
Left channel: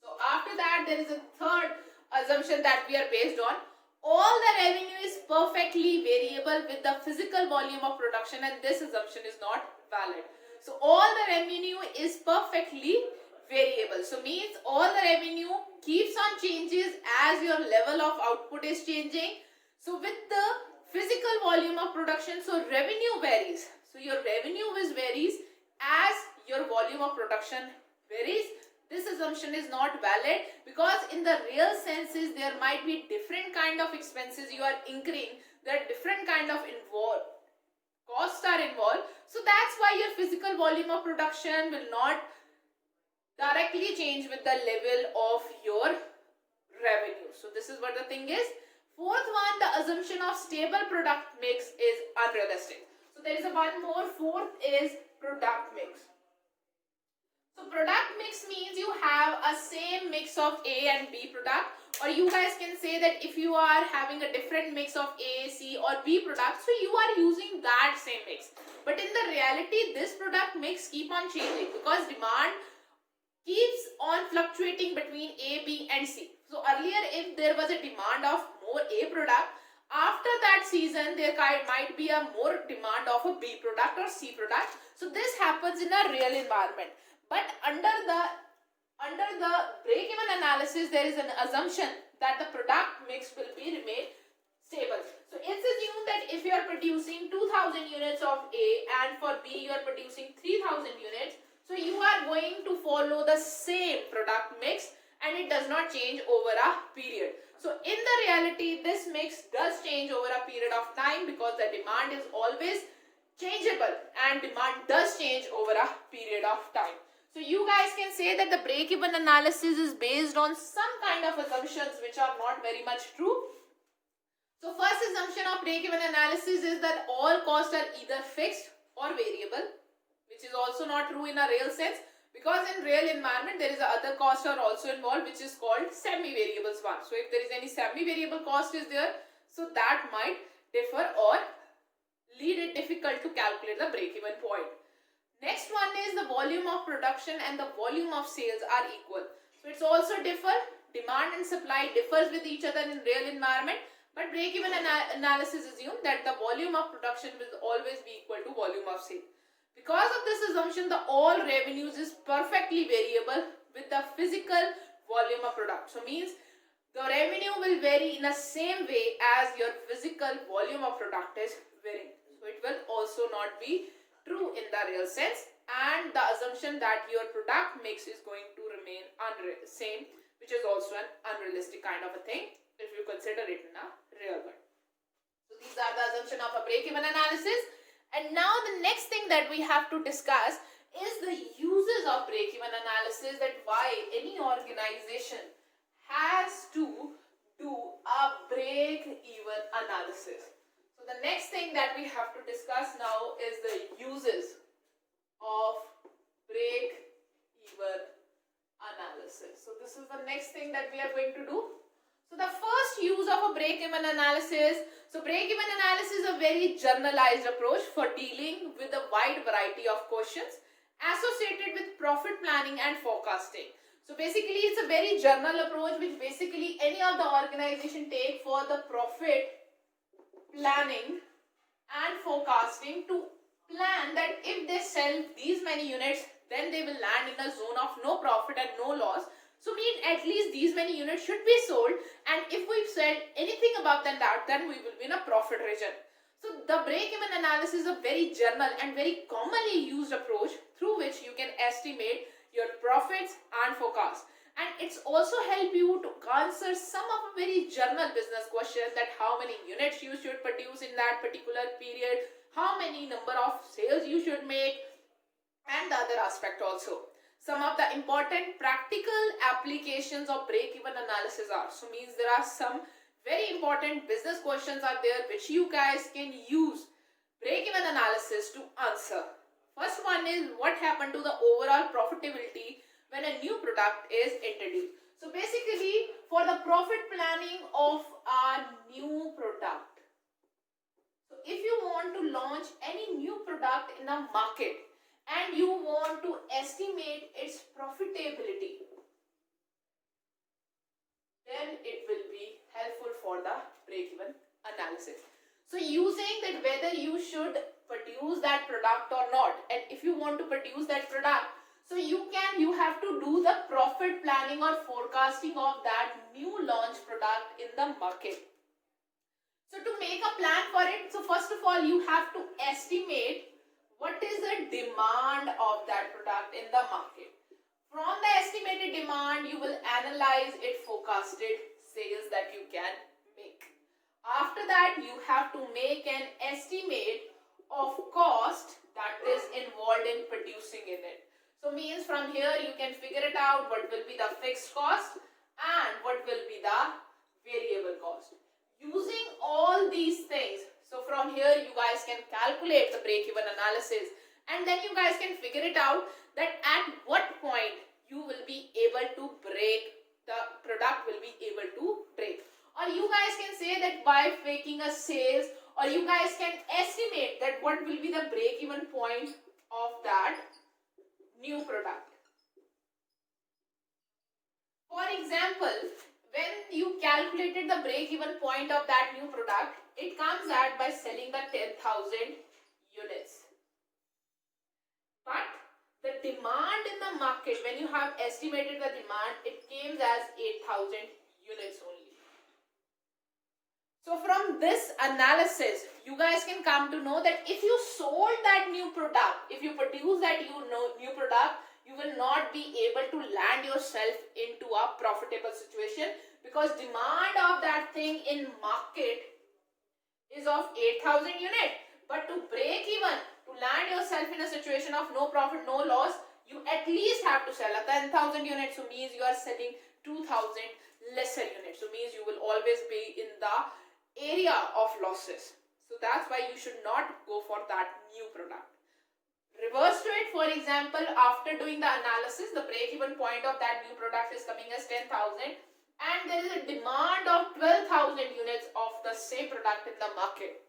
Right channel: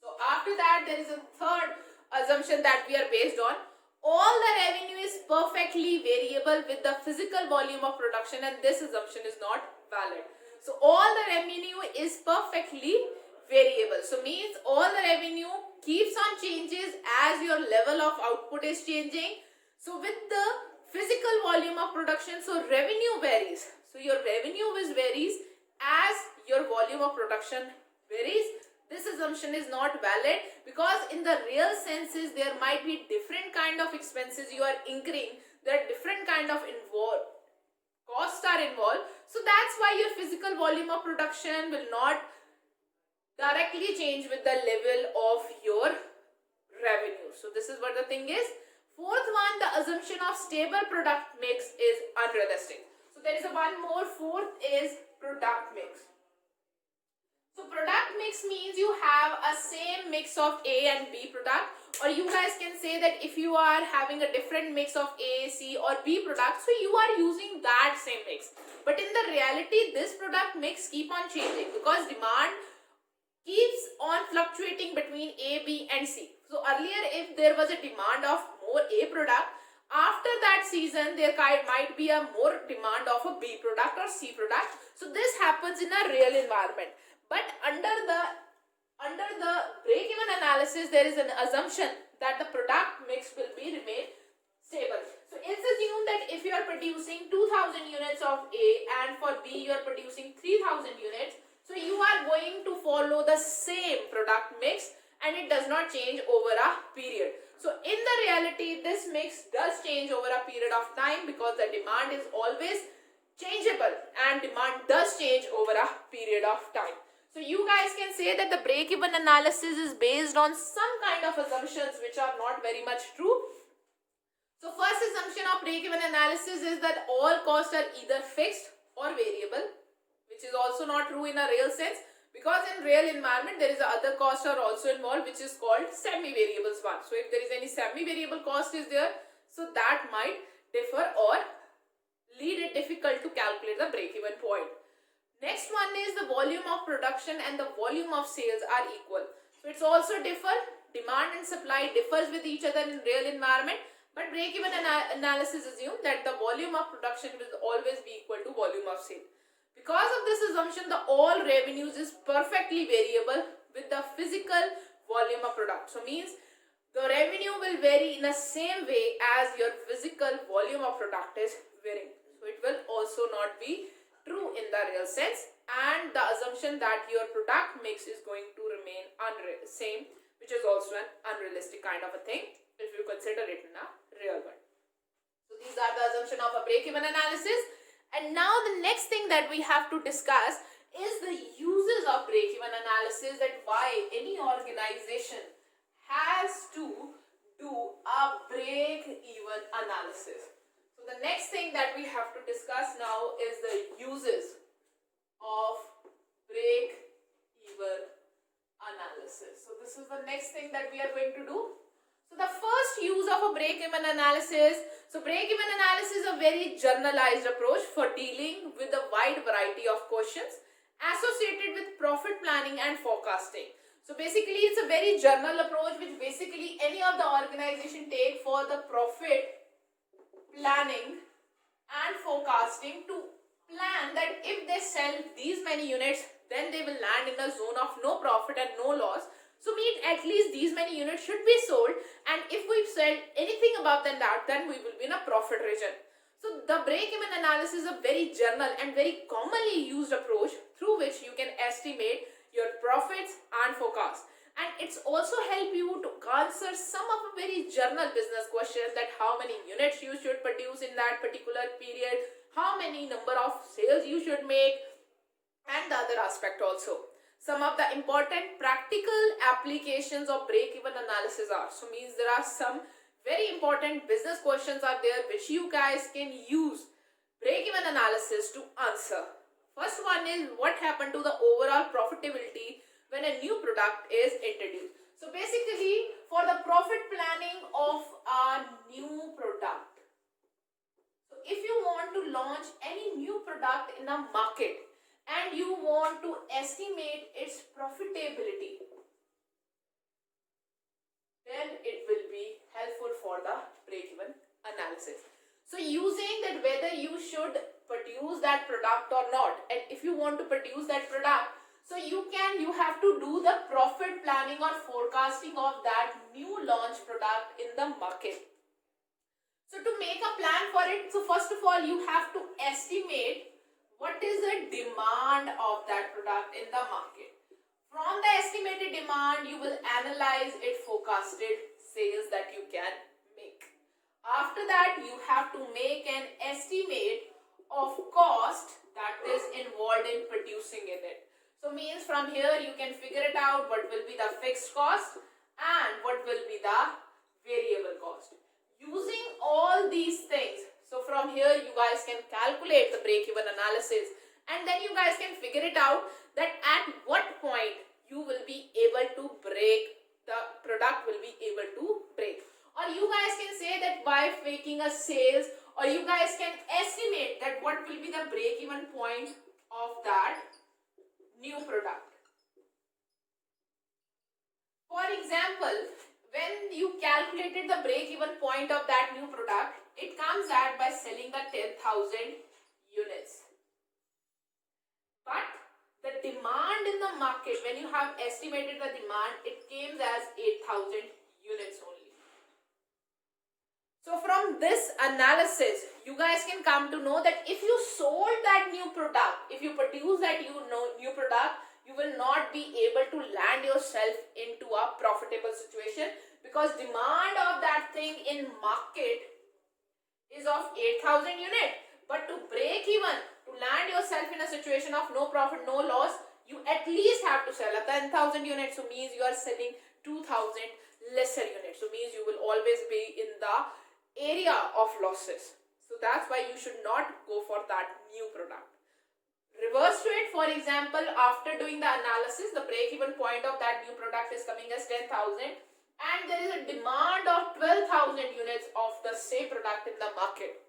So after that there is a third assumption that we are based on. All the revenue is perfectly variable with the physical volume of production, and this assumption is not valid. So all the revenue is perfectly variable. So means all the revenue keeps on changes as your level of output is changing. So with the physical volume of production, so revenue varies. So your revenue varies as your volume of production varies. This assumption is not valid because in the real senses there might be different kind of expenses you are incurring. There are different kind of costs are involved. So that's why your physical volume of production will not directly change with the level of your revenue. So this is what the thing is. Fourth one, the assumption of stable product mix is unrealistic. So there is one more. Fourth is product mix. So product mix means you have a same mix of A and B product, or you guys can say that if you are having a different mix of A, C or B product, so you are using that same mix. But in the reality this product mix keep on changing because demand keeps on fluctuating between A, B and C. So earlier if there was a demand of more A product, after that season there might be a more demand of a B product or C product. So this happens in a real environment. But under the break-even analysis there is an assumption that the product mix will be remain stable. So it's assumed that if you are producing 2,000 units of A and for B you are producing 3,000 units, so you are going to follow the same product mix and it does not change over a period. So in the reality this mix does change over a period of time because the demand is always changeable and demand does change over a period of time. So you guys can say that the break-even analysis is based on some kind of assumptions which are not very much true. So first assumption of break-even analysis is that all costs are either fixed or variable, which is also not true in a real sense, because in real environment there is other costs are also involved, which is called semi-variables one. So if there is any semi-variable cost is there, so that might differ or lead it difficult to calculate the break-even point. Next one is the volume of production and the volume of sales are equal. So it's also differ. Demand and supply differs with each other in real environment, but break-even analysis assume that the volume of production will always be equal to volume of sale. Because of this assumption, the all revenues is perfectly variable with the physical volume of product. So means the revenue will vary in the same way as your physical volume of product is varying. So it will also not be true in the real sense, and the assumption that your product mix is going to remain same, which is also an unrealistic kind of a thing if you consider it in a real world. So these are the assumption of a break-even analysis. And now the next thing that we have to discuss is the uses of break-even analysis, that why any organization has to do a break-even analysis. So the next thing that we have to discuss now is the uses of break-even analysis. So this is the next thing that we are going to do. So the first use of a break-even analysis. So break-even analysis is a very generalized approach for dealing with a wide variety of questions associated with profit planning and forecasting. So basically it's a very general approach which basically any of the organization take for the profit planning and forecasting to plan that if they sell these many units, then they will land in the zone of no profit and no loss. So mean at least these many units should be sold, and if we sell anything above than that, then we will be in a profit region. So the break-even analysis is a very general and very commonly used approach through which you can estimate your profits and forecast. And it's also help you to answer some of a very general business questions, like how many units you should produce in that particular period, how many number of sales you should make, and the other aspect also. Some of the important practical applications of break-even analysis are, so means there are some very important business questions are there which you guys can use break-even analysis to answer. First one is, what happened to the overall profitability when a new product is introduced? So basically for the profit planning of a new product, so if you want to launch any new product in a market and you want to estimate its profitability, then it will be helpful for the break-even analysis. So using that whether you should produce that product or not, and if you want to produce that product, so you have to do the profit planning or forecasting of that new launch product in the market. So to make a plan for it, so first of all you have to estimate what is the demand of that product in the market. From the estimated demand, you will analyze its forecasted sales that you can make. After that, you have to make an estimate of cost that is involved in producing it. So means from here you can figure it out what will be the fixed cost and what will be the variable cost. Using all these things, so from here you guys can calculate the break-even analysis, and then you guys can figure it out that at what point you will be able to break, the product will be able to break. Or you guys can say that by making a sales, or you guys can estimate that what will be the break-even point of that new product. For example, when you calculated the break-even point of that new product, it comes at by selling the 10,000 units. But the demand in the market, when you have estimated the demand, it came as 8,000 units only. So from this analysis, you guys can come to know that if you sold that new product, if you produce that new product, you will not be able to land yourself into a profitable situation, because demand of that thing in market is of 8,000 units. But to break even, to land yourself in a situation of no profit, no loss, you at least have to sell a 10,000 units, so means you are selling 2,000 lesser units, so means you will always be in the area of losses. So that's why you should not go for that new product. Reverse to it, for example, after doing the analysis, the break-even point of that new product is coming as 10,000 and there is a demand of 12,000 units of the same product in the market.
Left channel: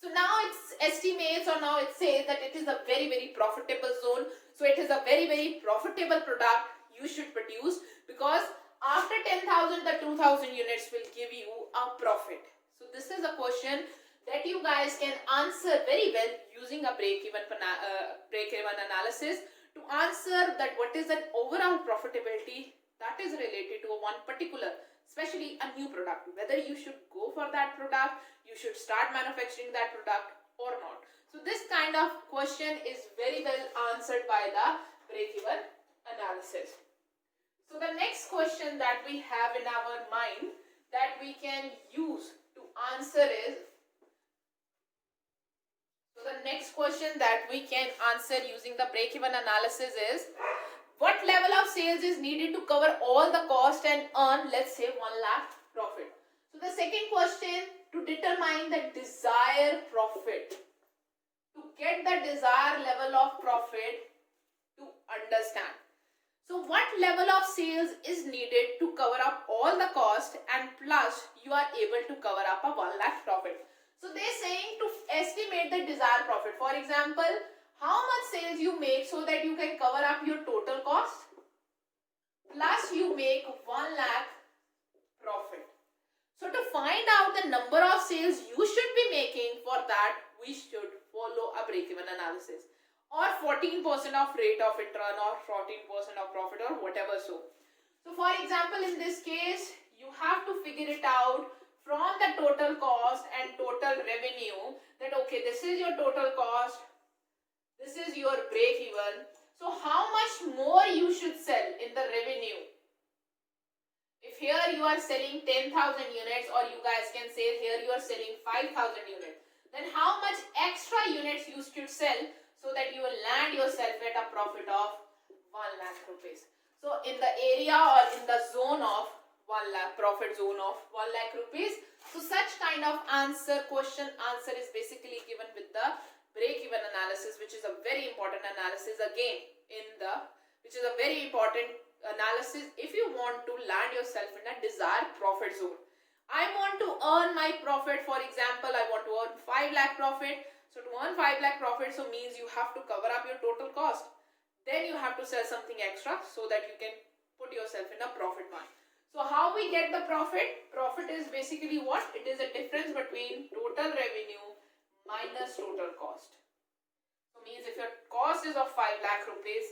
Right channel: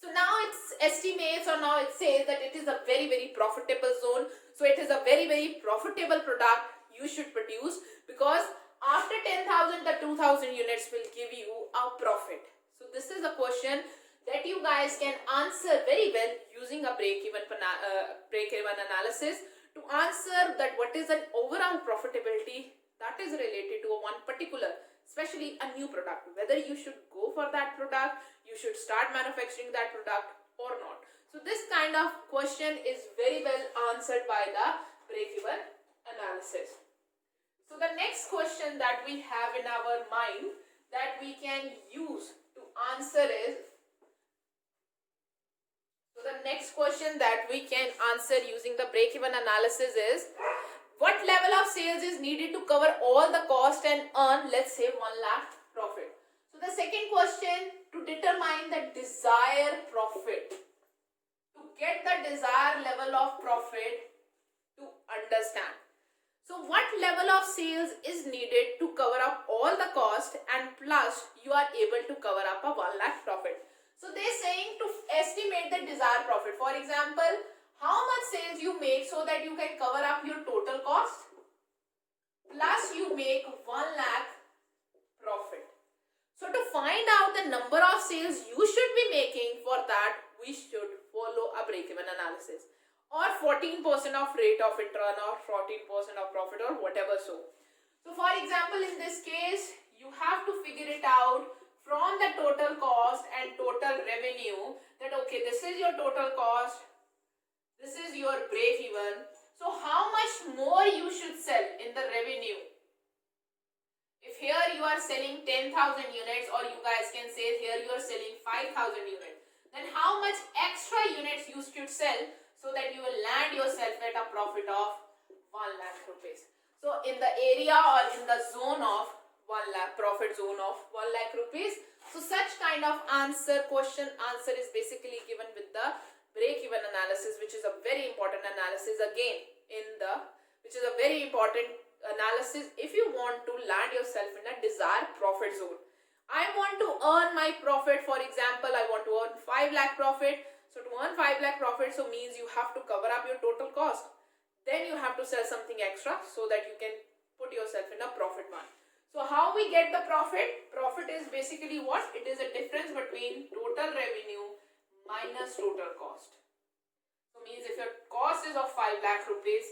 So now it estimates, or now it says that it is a very, very profitable zone. So it is a very, very profitable product you should produce, because after 10,000, the 2,000 units will give you a profit. So this is a question that you guys can answer very well using a break-even analysis to answer that what is an overall profitability that is related to one particular, especially a new product, whether you should go for that product, you should start manufacturing that product or not. So this kind of question is very well answered by the break-even analysis. So the next question that we have in our mind that we can use to answer is, so the next question that we can answer using the break-even analysis is, what level of sales is needed to cover all the cost and earn, let's say, 1 lakh profit? So the second question, to determine the desired profit, to get the desired level of profit, to understand. So what level of sales is needed to cover up all the cost and plus you are able to cover up a 1 lakh profit? So they're saying to estimate the desired profit. For example, how much sales you make so that you can cover up your total cost plus you make 1 lakh profit. So to find out the number of sales you should be making, for that we should follow a break-even analysis, or 14% of rate of return, or 14% of profit, or whatever. So for example, in this case, you have to figure it out from the total cost and total revenue, that okay, this is your total cost, this is your break even. So how much more you should sell in the revenue? If here you are selling 10,000 units, or you guys can say here you are selling 5,000 units, then how much extra units you should sell so that you will land yourself at a profit of 1 lakh rupees. So in the area or in the zone of 1 lakh, profit zone of 1 lakh rupees. So such kind of answer is basically given with the break-even analysis, which is a very important analysis again which is a very important analysis if you want to land yourself in a desired profit zone. I want to earn my profit, for example, I want to earn 5 lakh profit. So to earn 5 lakh profit, so means you have to cover up your total cost. Then you have to sell something extra so that you can put yourself in a profit one. So how we get the profit? Profit is basically what? It is a difference between total revenue minus total cost. So means if your cost is of 5 lakh rupees,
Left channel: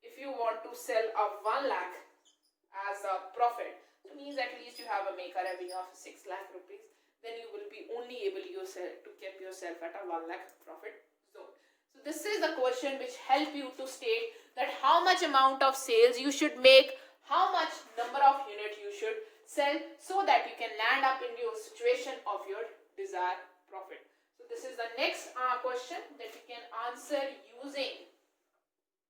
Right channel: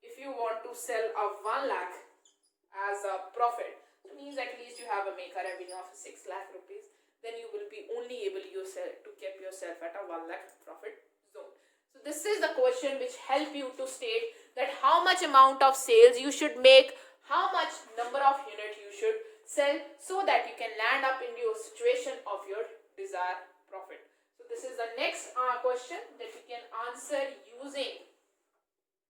if you want to sell a 1 lakh as a profit, it means at least you have a make a revenue of 6 lakh rupees, then you will be only able yourself to keep yourself at a 1 lakh profit zone. So this is the question which help you to state that how much amount of sales you should make, how much number of units you should sell, so that you can land up in your situation of your desired profit. So this is the next question that you can answer using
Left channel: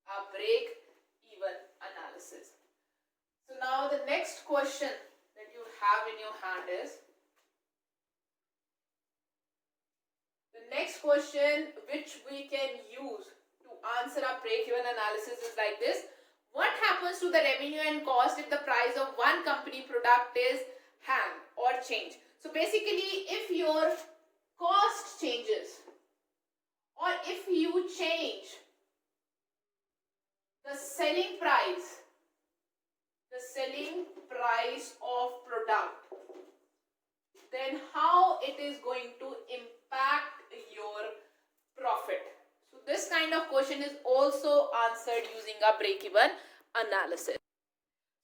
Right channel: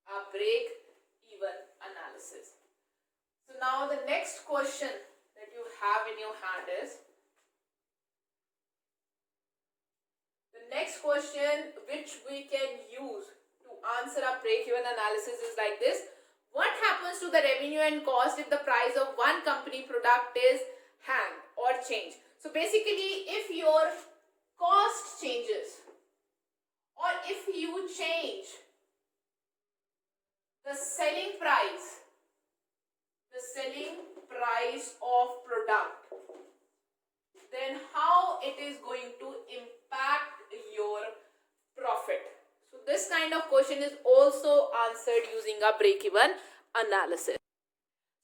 a break-even analysis. So now the next question that you have in your hand is, the next question which we can use to answer a break-even analysis is like this. What happens to the revenue and cost if the price of one company product is hang or change? So basically, if your cost changes, or if you change the selling price of product, then how it is going to impact your profit? So this kind of question is also answered using a break-even analysis.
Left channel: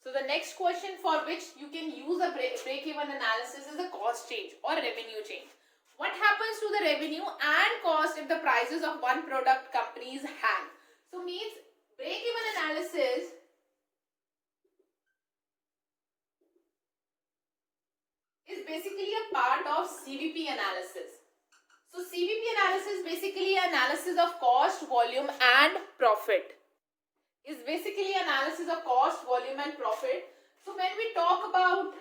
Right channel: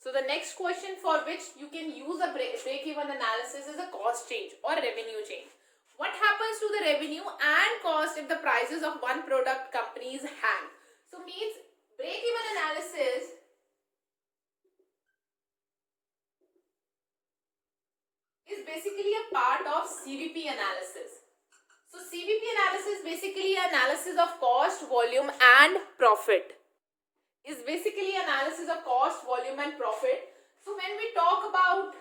So the next question for which you can use a break-even analysis is a cost change or revenue change. What happens to the revenue and cost if the prices of one product companies hang? So means break-even analysis is basically a part of CVP analysis. So CVP analysis is basically analysis of cost, volume and profit. is basically analysis of cost, volume and profit. So when we talk about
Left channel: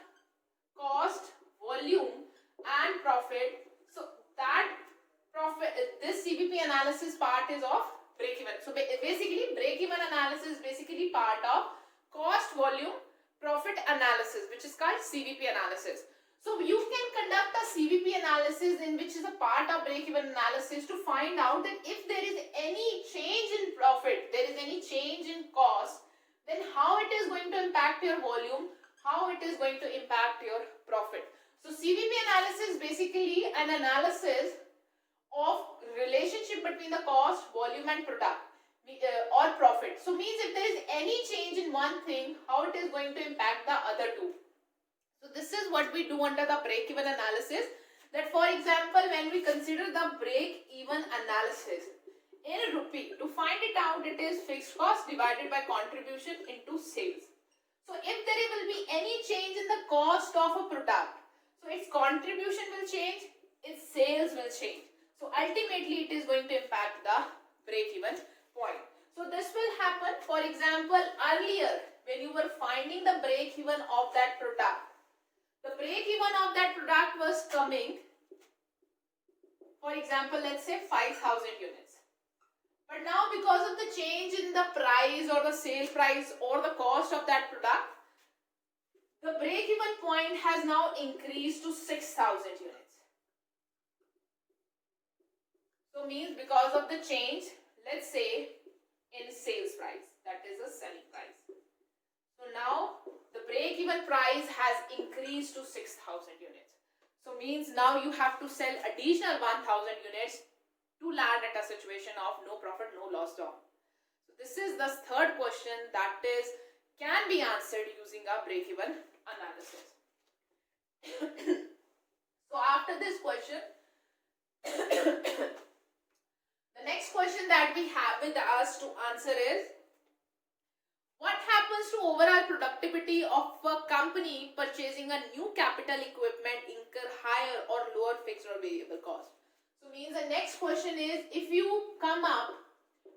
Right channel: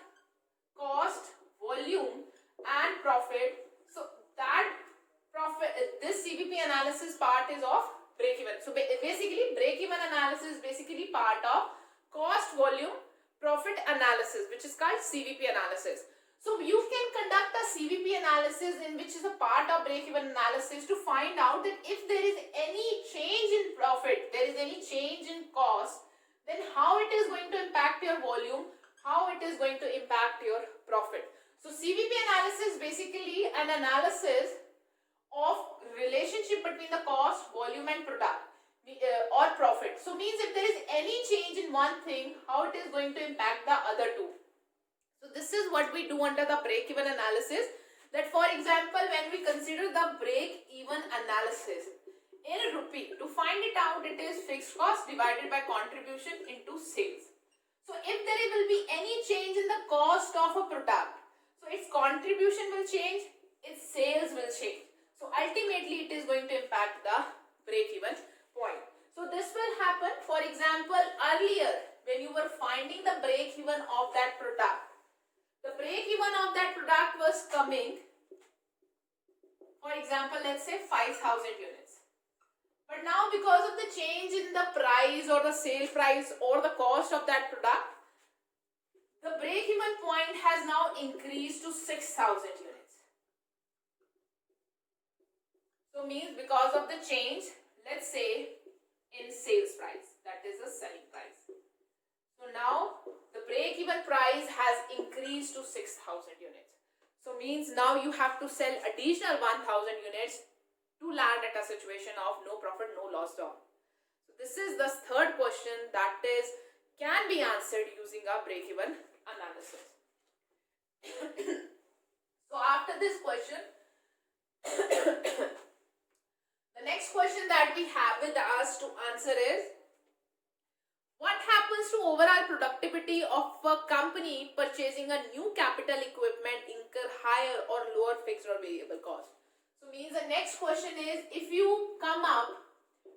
cost, volume and profit, so that profit, this CVP analysis part is of break-even. So basically break-even analysis is basically part of cost, volume, profit analysis, which is called CVP analysis. So you can conduct a CVP analysis in which is a part of break-even analysis to find out that if there is any change in profit, there is any change in cost, then how it is going to impact your volume, how it is going to impact your profit. So CVP analysis is basically an analysis of relationship between the cost, volume and product or profit. So means if there is any change in one thing, how it is going to impact the other two. So this is what we do under the break-even analysis. That for example, when we consider the break-even analysis in rupee, to find it out, it is fixed cost divided by contribution into sales. So if there will be any change in the cost of a product, so its contribution will change, its sales will change. So ultimately it is going to impact the break-even point. So this will happen, for example, earlier when you were finding the break-even of that product, the break-even of that product was coming, for example, let's say 5,000 units. But now because of the change in the price or the sale price or the cost of that product, the break-even point has now increased to 6,000 units. So means because of the change, let's say in sales price, that is the selling price. So now the break-even price has increased to 6,000 units. So means now you have to sell additional 1,000 units to land at a situation of no profit, no loss zone. So this is the third question that is can be answered using a break-even analysis. So after this question, the next question that we have with us to answer is, what happens to overall productivity of a company purchasing a new capital equipment incur higher or lower fixed or variable cost? So means the next question is, if you come up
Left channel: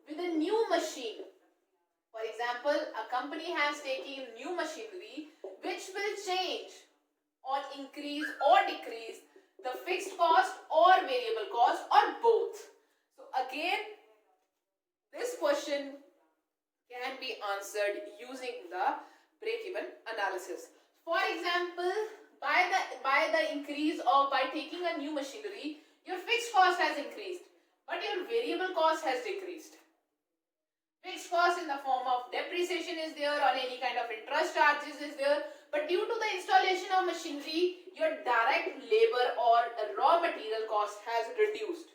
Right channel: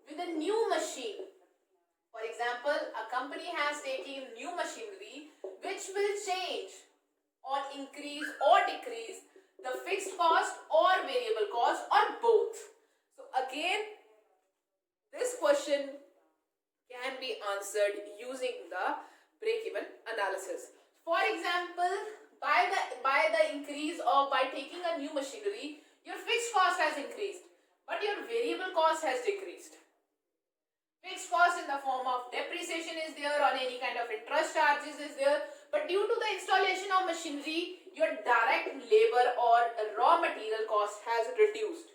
with a new machine, for example, a company has taken new machinery which will change or increase or decrease the fixed cost or variable cost or both. So again, this question can be answered using the break-even analysis. For example, by the increase or by taking a new machinery, your fixed cost has increased, but your variable cost has decreased. Fixed cost in the form of depreciation is there, or any kind of interest charges is there, but due to the installation of machinery, your direct labor or raw material cost has reduced.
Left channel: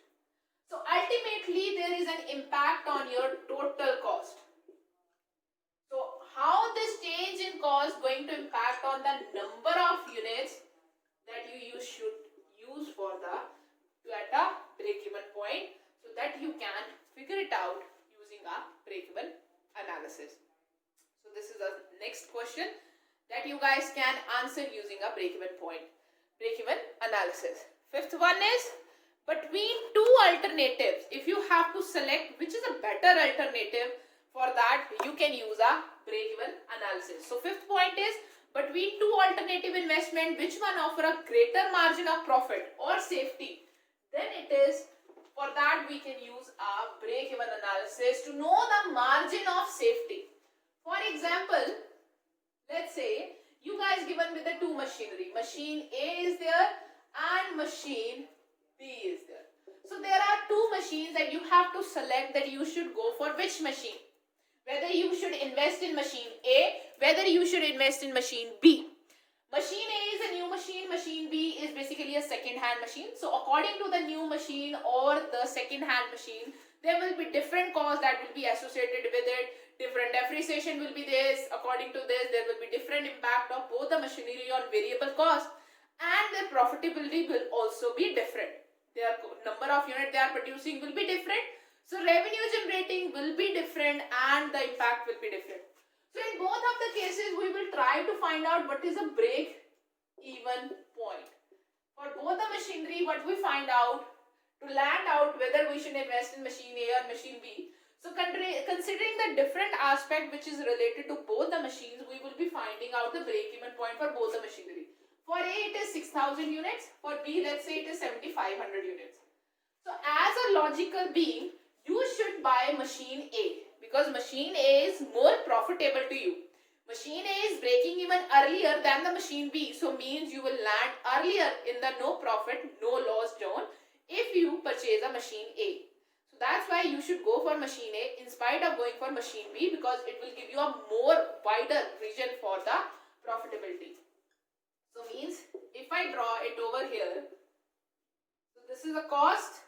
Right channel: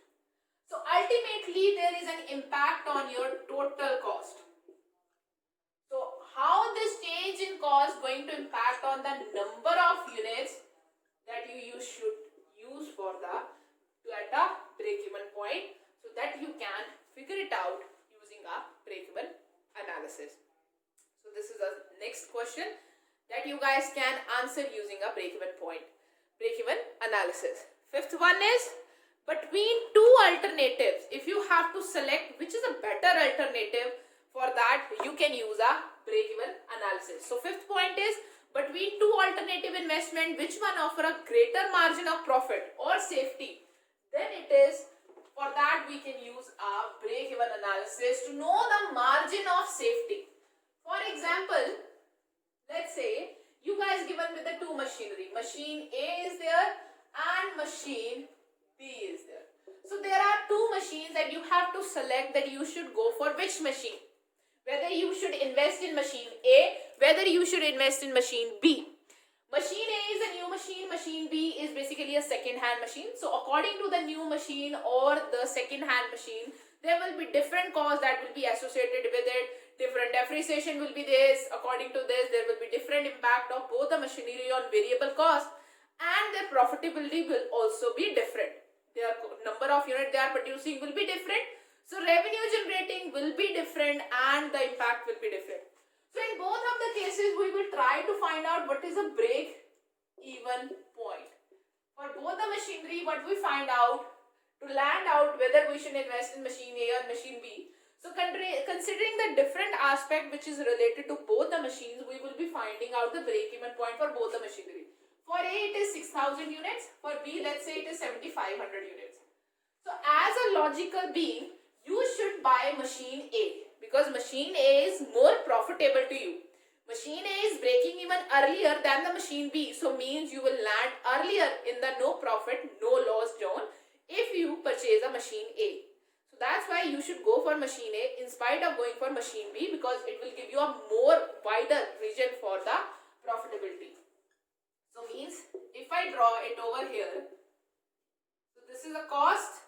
So ultimately, there is an impact on your total cost. So how this change in cost going to impact on the number of units that you should use for the at a break-even point, so that you can figure it out using a break-even analysis. So this is the next question that you guys can answer using a break-even point, break-even analysis. Fifth one is, between two alternatives, if you have to select which is a better alternative, for that you can use a break-even analysis. So fifth point is, between two alternative investment, which one offer a greater margin of profit or safety? Then it is, for that we can use a break-even analysis to know the margin of safety. For example, let's say you guys given with the two machinery. Machine A is there and machine B is there. So there are two machines and you have to select that you should go for which machine. Whether you should invest in machine A, whether you should invest in machine B. Machine A is a new machine, machine B is basically a second-hand machine. So according to the new machine or the second-hand machine, there will be different costs that will be associated with it. Different depreciation will be this. According to this, there will be different impact of both the machinery on variable cost, and their profitability will also be different. Their number of units they are producing will be different. So revenue generating will be different and the impact will be different. So in both of the cases, we will try to find out what is a break-even point. For both the machinery, what we find out to land out whether we should invest in machine A or machine B. So considering the different aspect which is related to both the machines, we will be finding out the break-even point for both the machinery. For A it is 6,000 units, for B let's say it is 7,500 units. So as a logical being, you should buy machine A because machine A is more profitable to you. Machine A is breaking even earlier than the machine B, so means you will land earlier in the no profit, no loss zone if you purchase a machine A. That's why you should go for machine A in spite of going for machine B because it will give you a more wider vision for the profitability. So means if I draw it over here, so this is a cost,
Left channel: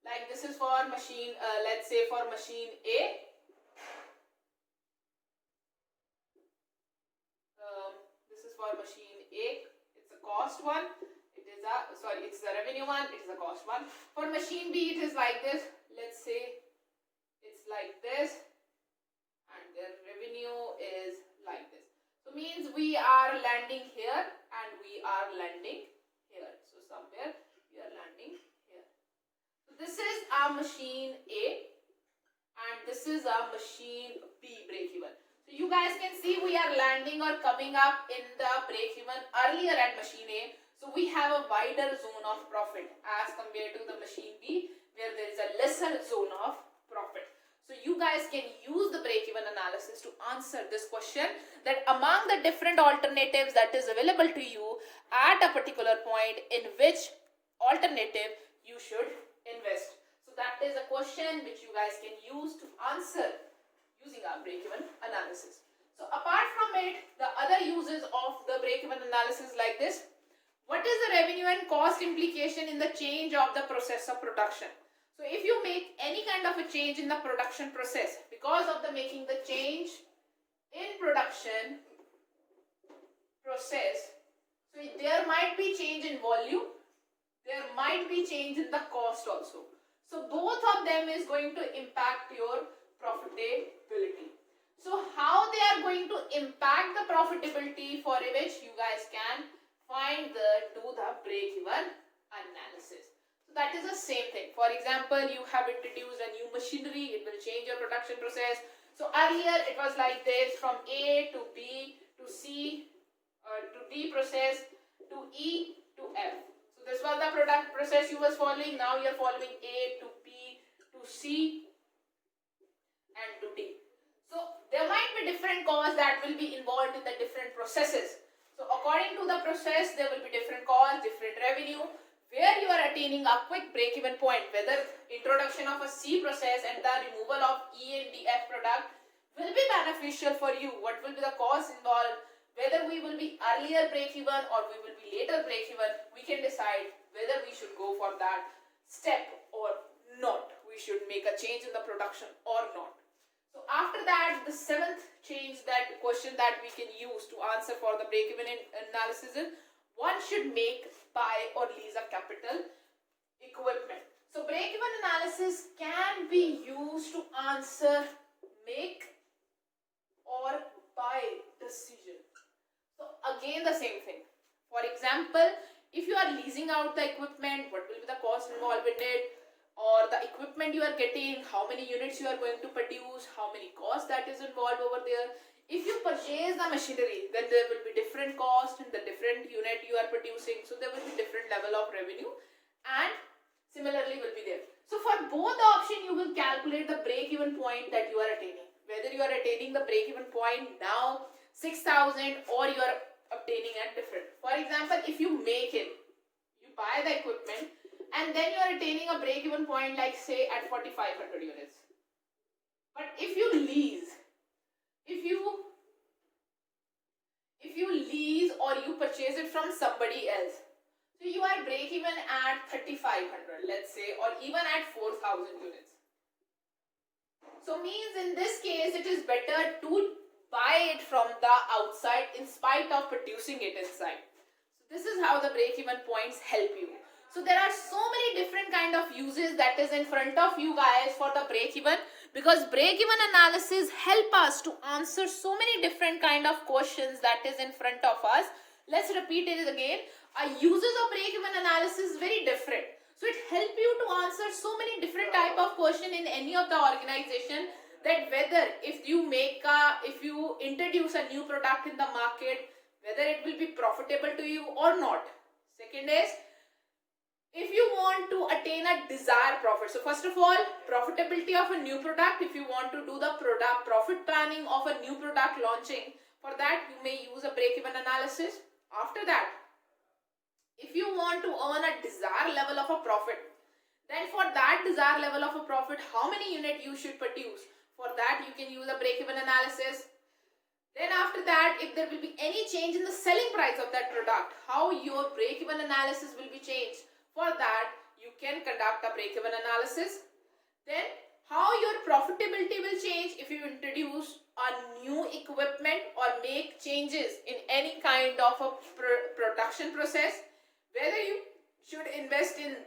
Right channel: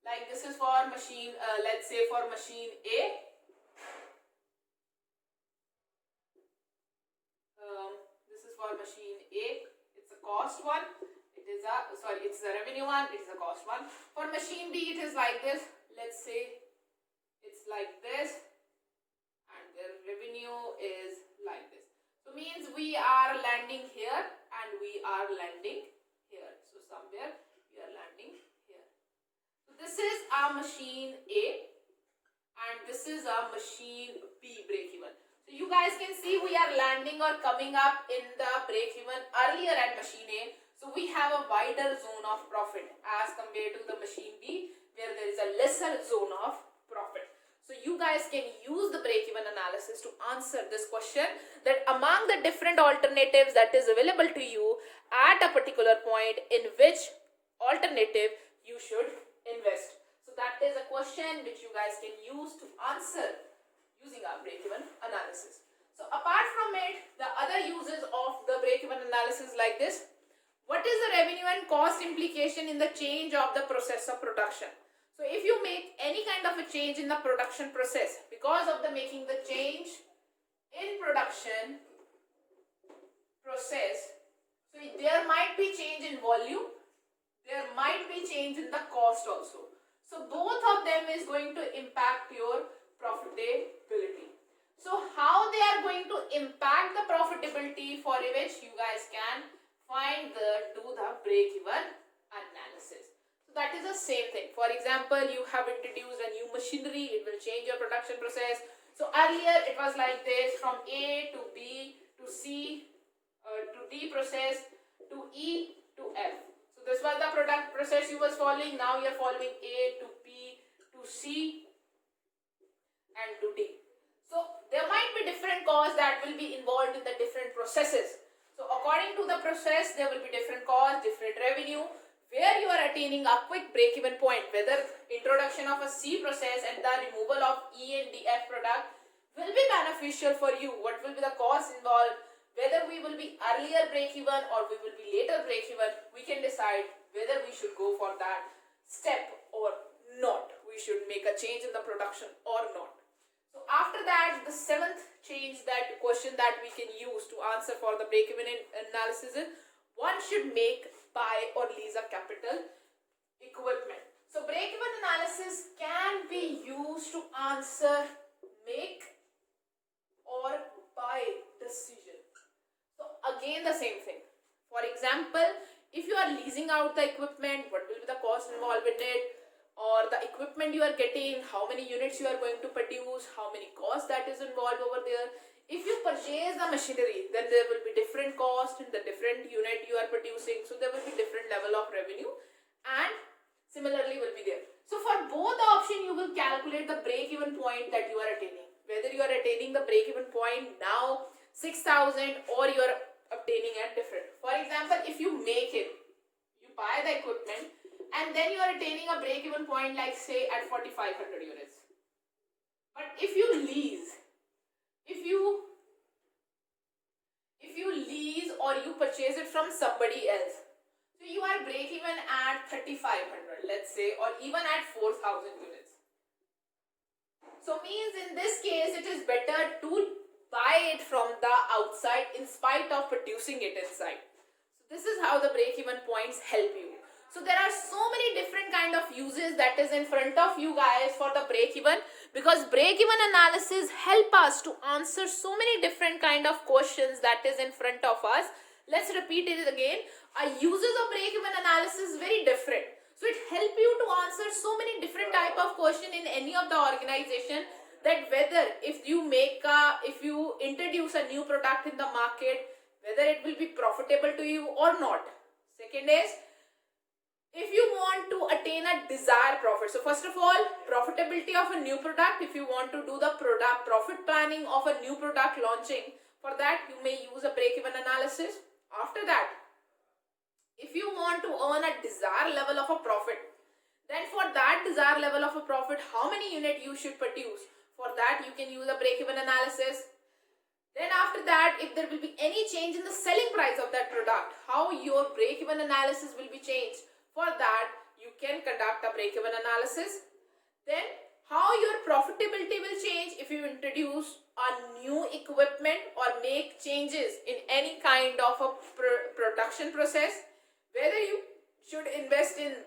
like this is for machine, let's say for machine A. This is for machine A, it's a cost one, it is a, sorry, it's a revenue one, it is a cost one. For machine B it is like this. Let's say it's like this and their revenue is like this. So means we are landing here and we are landing here. So somewhere we are landing here. So this is our machine A and this is our machine B break even. So you guys can see we are landing or coming up in the break even earlier at machine A. So we have a wider zone of profit as compared to the machine B, where there is a lesser zone of profit. So you guys can use the break-even analysis to answer this question, that among the different alternatives that is available to you at a particular point, in which alternative you should invest. So that is a question which you guys can use to answer using our break-even analysis. So apart from it, the other uses of the break-even analysis like this. What is the revenue and cost implication in the change of the process of production? So if you make any kind of a change in the production process, because of the making the change in production process, so there might be change in volume, there might be change in the cost also. So both of them is going to impact your profitability. So how they are going to impact the profitability, for which you guys can do the break-even analysis. That is the same thing. For example, you have introduced a new machinery, it will change your production process. So earlier it was like this, from A to B to C to D process to E to F. So this was the product process you was following. Now you are following A to B to C and to D. So there might be different costs that will be involved in the different processes. So according to the process, there will be different costs, different revenue, where you are attaining a quick break-even point, whether introduction of a C process and the removal of E and DF product will be beneficial for you. What will be the cost involved, whether we will be earlier break-even or we will be later break-even, we can decide whether we should go for that step or not. We should make a change in the production or not. So after that, the seventh change, that question that we can use to answer for the break-even analysis is, one should make, buy or lease a capital equipment. So break-even analysis can be used to answer make or buy decision. So again the same thing. For example, if you are leasing out the equipment, what will be the cost involved with it, or the equipment you are getting, how many units you are going to produce, how many costs that is involved over there. If you purchase the machinery, then there will be different costs in the different unit you are producing. So there will be different level of revenue and similarly will be there. So for both the option, you will calculate the break-even point that you are attaining. Whether you are attaining the break-even point now 6,000 or you are obtaining at different. For example, if you make it, you buy the equipment and then you are attaining a break-even point like say at 4,500 units. But if you lease, if you lease or you purchase it from somebody else, so you are break even at 3,500, let's say, or even at 4,000 units. So means in this case it is better to buy it from the outside in spite of producing it inside. So this is how the break even points help you. So there are so many different kind of uses that is in front of you guys for the break even, because break even analysis help us to answer so many different kind of questions that is in front of us. Let's repeat it again. Our uses of break even analysis is very different. So it helps you to answer so many different type of question in any of the organization, that whether if you introduce a new product in the market, whether it will be profitable to you or not. Second is, if you want to attain a desired profit. So first of all, profitability of a new product. If you want to do the product profit planning of a new product launching, for that you may use a break-even analysis. After that, if you want to earn a desired level of a profit, then for that desired level of a profit, how many unit you should produce, for that you can use a break-even analysis. Then after that, if there will be any change in the selling price of that product, how your break-even analysis will be changed. For that, you can conduct a break-even analysis. Then, how your profitability will change if you introduce a new equipment or make changes in any kind of a production process. Whether you should invest in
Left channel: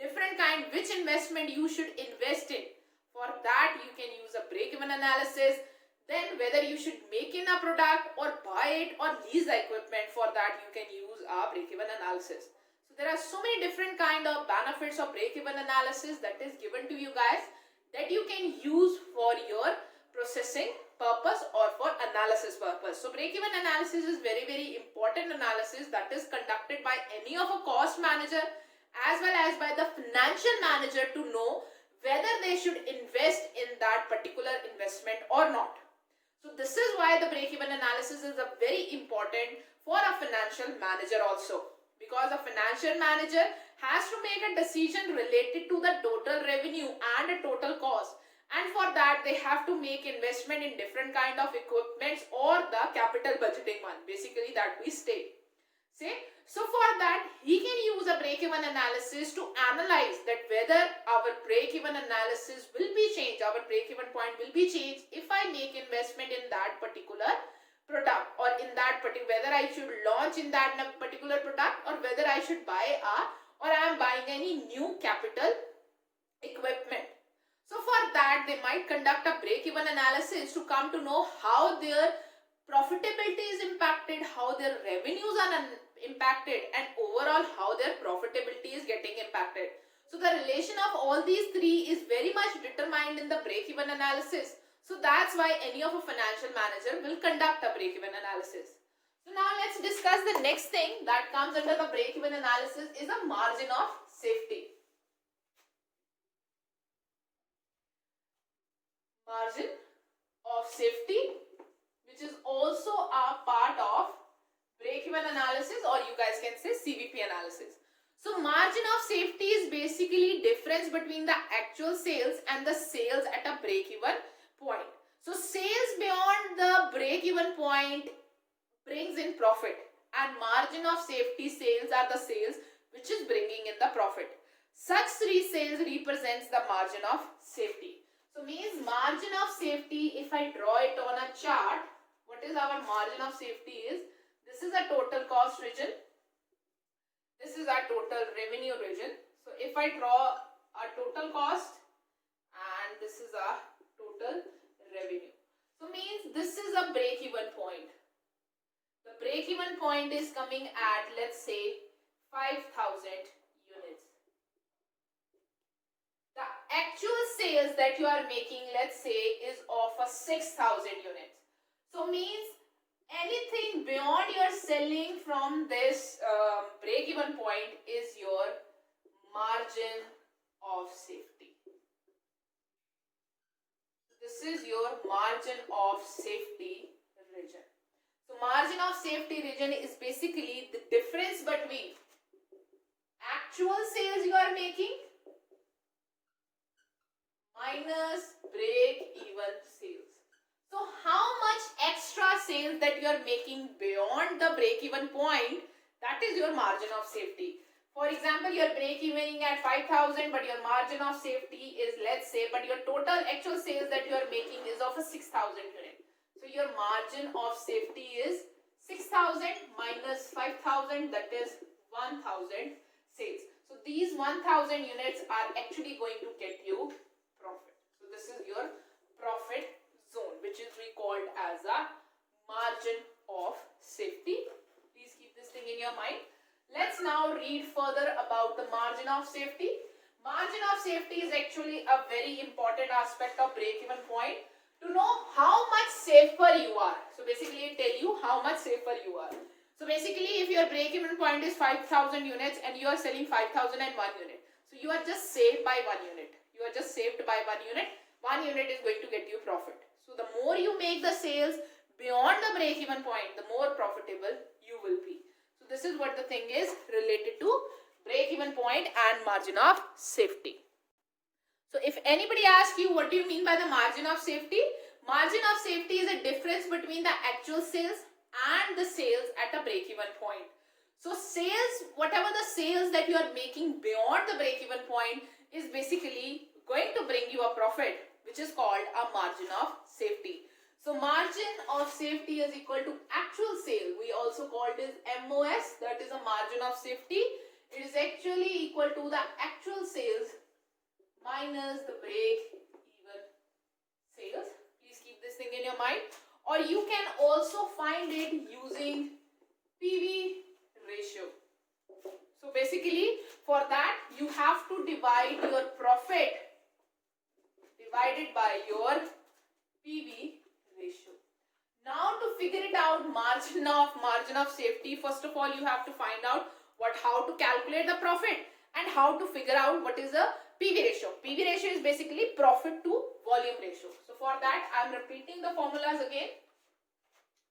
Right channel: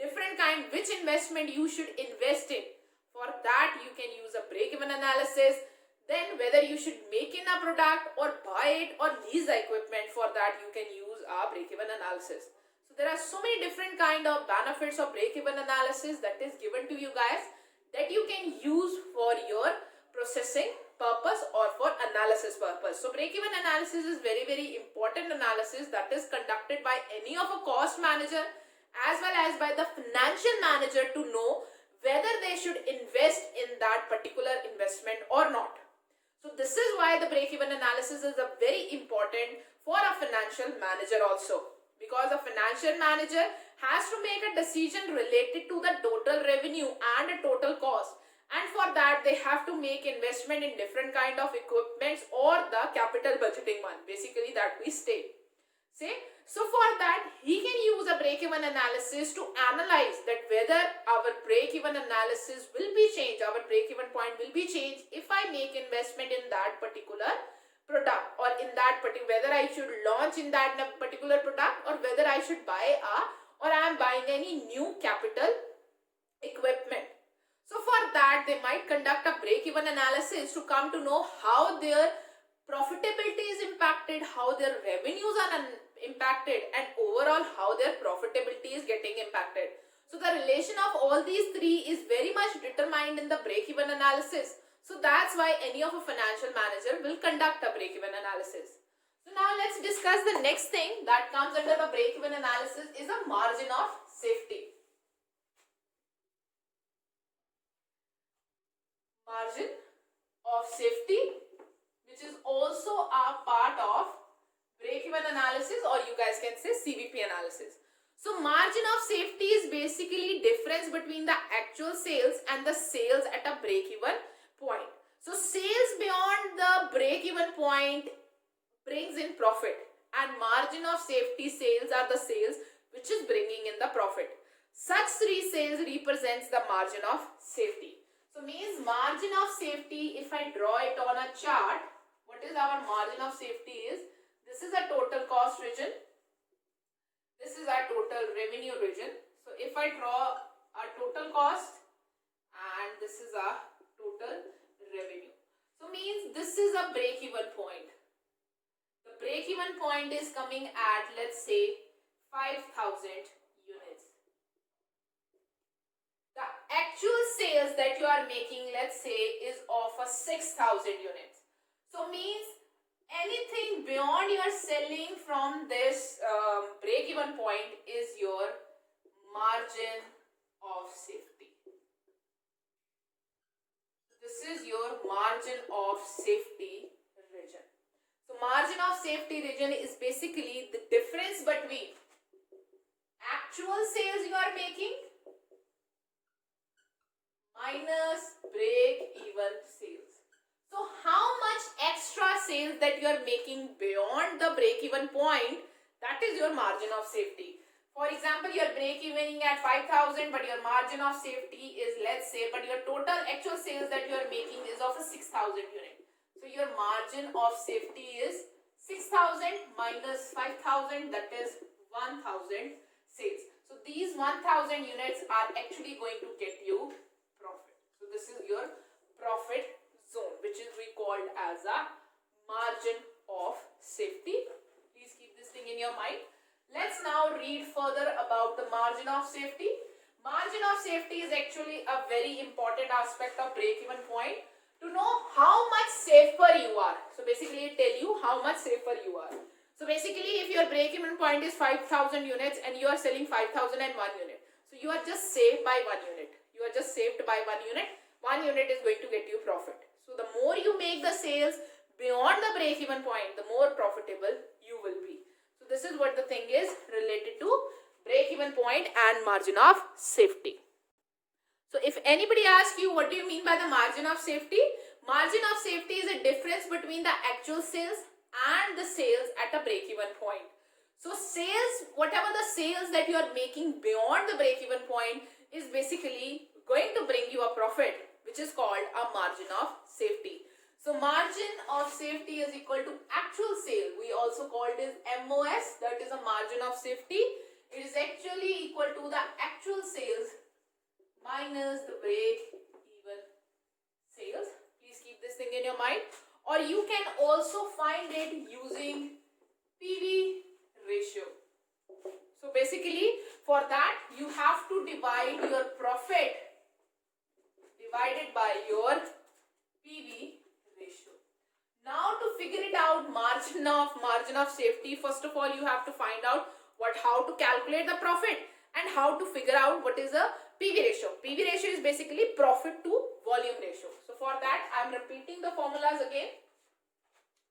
different kind, which investment you should invest in. For that, you can use a break-even analysis. Then whether you should make in a product or buy it or lease the equipment, for that you can use a break-even analysis. So there are so many different kind of benefits of break-even analysis that is given to you guys, that you can use for your processing purpose or for analysis purpose. So break-even analysis is very important analysis that is conducted by any of a cost manager as well as by the financial manager to know whether they should invest in that particular investment or not. So this is why the break-even analysis is a very important for a financial manager also, because a financial manager has to make a decision related to the total revenue and a total cost, and for that they have to make investment in different kind of equipments or the capital budgeting one, basically that we say. So for that he can use a break-even analysis to analyze that whether our break-even analysis will be changed, our break-even point will be changed if I make investment in that particular product, or in that particular, whether I should launch in that particular product, or whether I should buy or I am buying any new capital equipment. So for that they might conduct a break-even analysis to come to know how their profitability is impacted, how their revenues are impacted, and overall how their profitability is getting impacted. So the relation of all these three is very much determined in the break-even analysis. So that's why any of a financial manager will conduct a break-even analysis. So now let's discuss the next thing that comes under the break-even analysis is a margin of safety. Margin of safety, which is also a part of break-even analysis, or you guys can say CVP analysis. So margin of safety is basically difference between the actual sales and the sales at a break-even point. So sales beyond the break-even point brings in profit, and margin of safety sales are the sales which is bringing in the profit. Such three sales represents the margin of safety. So means margin of safety, if I draw it on a chart, what is our margin of safety is, this is a total cost region, this is our total revenue region. So if I draw a total cost and this is a total revenue, so means this is a break-even point. The break-even point is coming at, let's say, 5,000 units. The actual sales that you are making, let's say, is of a 6,000 units. So means anything beyond your selling from this break-even point is your margin of safety. This is your margin of safety region. So margin of safety region is basically the difference between actual sales you are making minus break-even sales. So how much extra sales that you are making beyond the break-even point, that is your margin of safety. For example, you are break-evening at 5,000, but your margin of safety is, let's say, but your total actual sales that you are making is of a 6,000 unit. So your margin of safety is 6,000 minus 5,000, that is 1,000 sales. So these 1,000 units are actually going to get you profit. So this is your profit zone, which is recalled as a margin of safety. Please keep this thing in your mind. Let's now read further about the margin of safety. Margin of safety is actually a very important aspect of break-even point to know how much safer you are. So basically it tell you how much safer you are. So basically if your break-even point is 5,000 units and you are selling 5,001 unit, so you are just saved by 1 unit. You are just saved by 1 unit. 1 unit is going to get you profit. So the more you make the sales beyond the break-even point, the more profitable you will be. So this is what the thing is related to break-even point and margin of safety. So if anybody asks you what do you mean by the margin of safety? Margin of safety is a difference between the actual sales and the sales at a break-even point. So sales, whatever the sales that you are making beyond the break-even point is basically going to bring you a profit, which is called a margin of safety. So margin of safety is equal to actual sale. We also call it as MOS, that is a margin of safety. It is actually equal to the actual sales minus the break-even sales. Please keep this thing in your mind. Or you can also find it using PV ratio. So basically for that you have to divide your profit divided by your PV ratio. Now to figure it out, margin of safety, first of all you have to find out how to calculate the profit and how to figure out what is a PV ratio. PV ratio is basically profit to volume ratio. So for that I am repeating the formulas again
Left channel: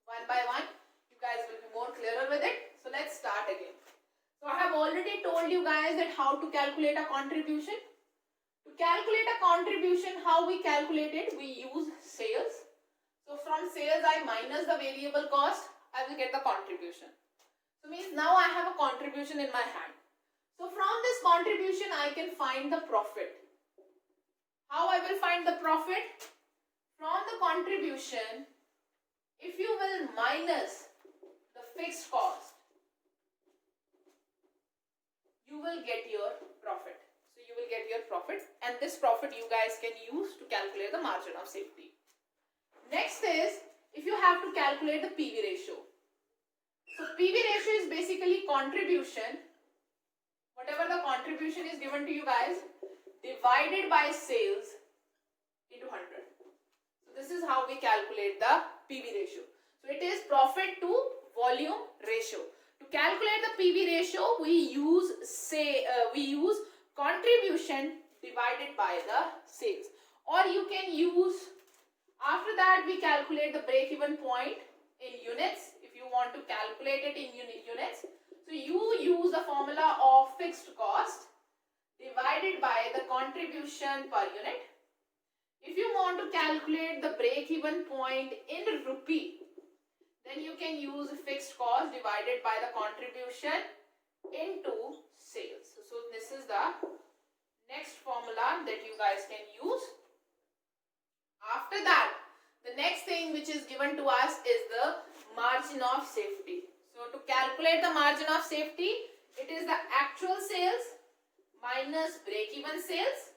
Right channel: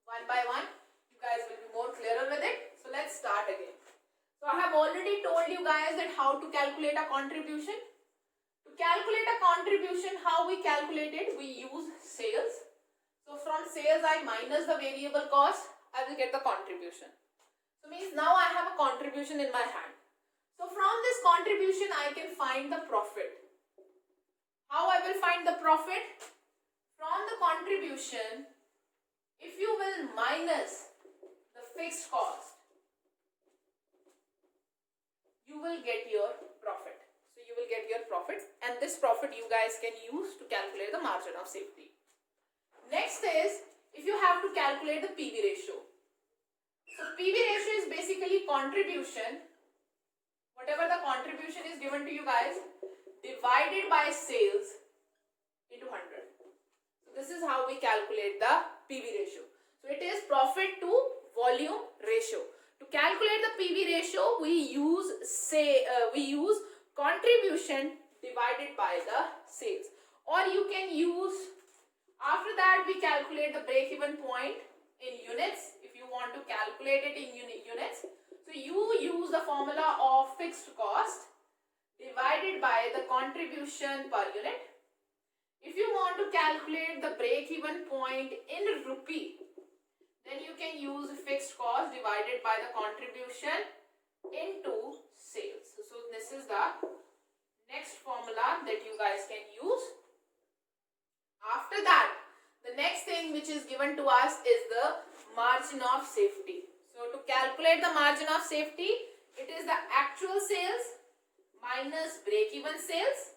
one by one. You guys will be more clearer with it. So let's start again. So I have already told you guys that how to calculate a contribution. To calculate a contribution, how we calculate it? We use sales. So from sales I minus the variable cost, I will get the contribution. So means now I have a contribution in my hand. So from this contribution I can find the profit. How I will find the profit? From the contribution, if you will minus the fixed cost, you will get your profit. So you will get your profit, and this profit you guys can use to calculate the margin of safety. Next is, if you have to calculate the PV ratio. So PV ratio is basically contribution, whatever the contribution is given to you guys, divided by sales into 100. So this is how we calculate the PV ratio. So it is profit to volume ratio. To calculate the PV ratio, we use contribution divided by the sales. Or you can use, after that we calculate the break-even point in units. If you want to calculate it in units, so you use the formula of fixed cost divided by the contribution per unit. If you want to calculate the break-even point in rupee, then you can use fixed cost divided by the contribution into sales. So this is the next formula that you guys can use. After that, the next thing which is given to us is the margin of safety. So to calculate the margin of safety, it is the actual sales minus break-even sales,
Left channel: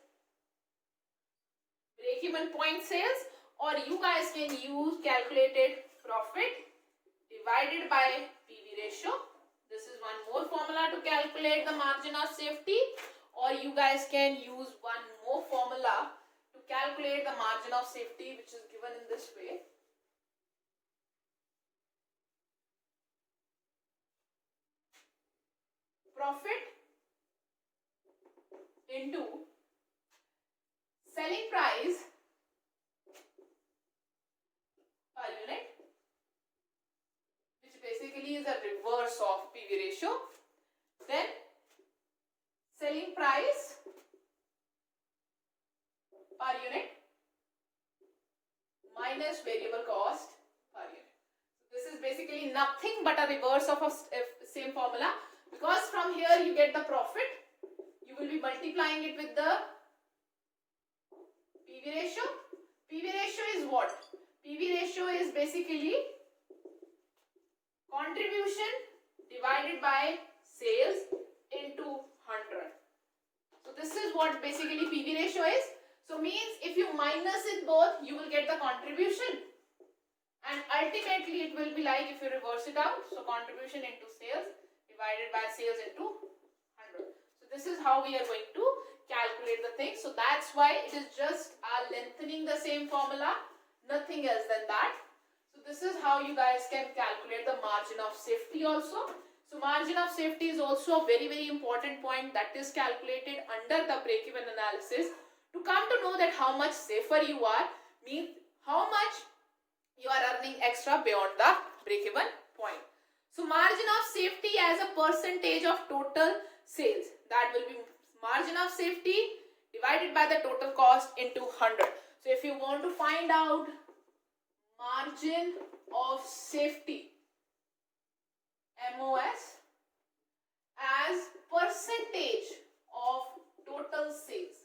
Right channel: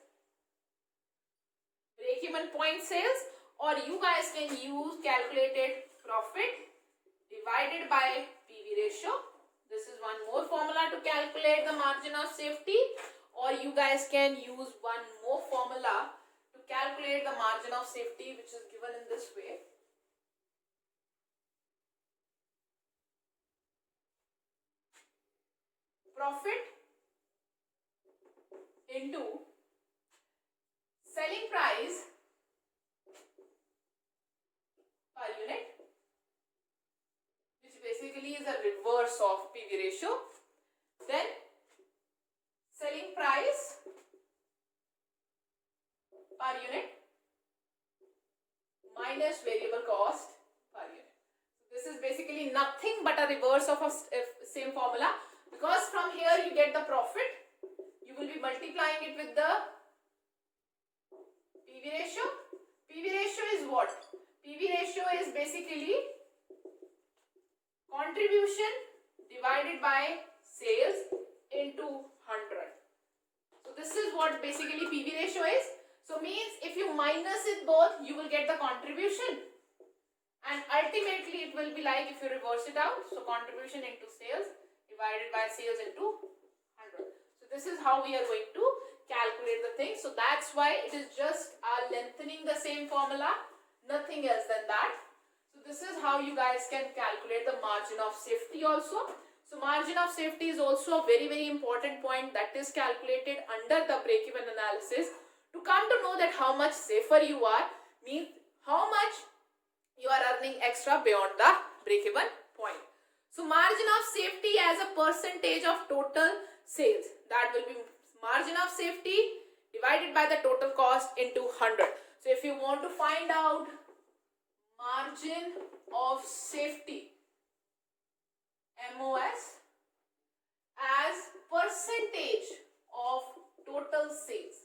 break-even point sales, or you guys can use calculated profit divided by PV ratio. This is one more formula to calculate the margin of safety, or you guys can use one more formula to calculate the margin of safety, which is given in this way. Profit into selling price per unit, which basically is a reverse of PV ratio. Then selling price per unit minus variable cost per unit. This is basically nothing but a reverse of a same formula, because from here you get the profit, you will be multiplying it with the PV ratio. PV ratio is what? PV ratio is basically contribution divided by sales into 100. So this is what basically PV ratio is. So means if you minus it both, you will get the contribution, and ultimately it will be like if you reverse it out, so contribution into sales divided by sales into 100. So this is how we are going to calculate the thing. So that's why it is just lengthening the same formula, nothing else than that. So this is how you guys can calculate the margin of safety also. So margin of safety is also a very, very important point that is calculated under the break-even analysis. To come to know that how much safer you are means how much you are earning extra beyond the break-even point. So margin of safety as a percentage of total sales, that will be margin of safety divided by the total cost into 100. So if you want to find out margin of safety, MOS, as percentage of total sales.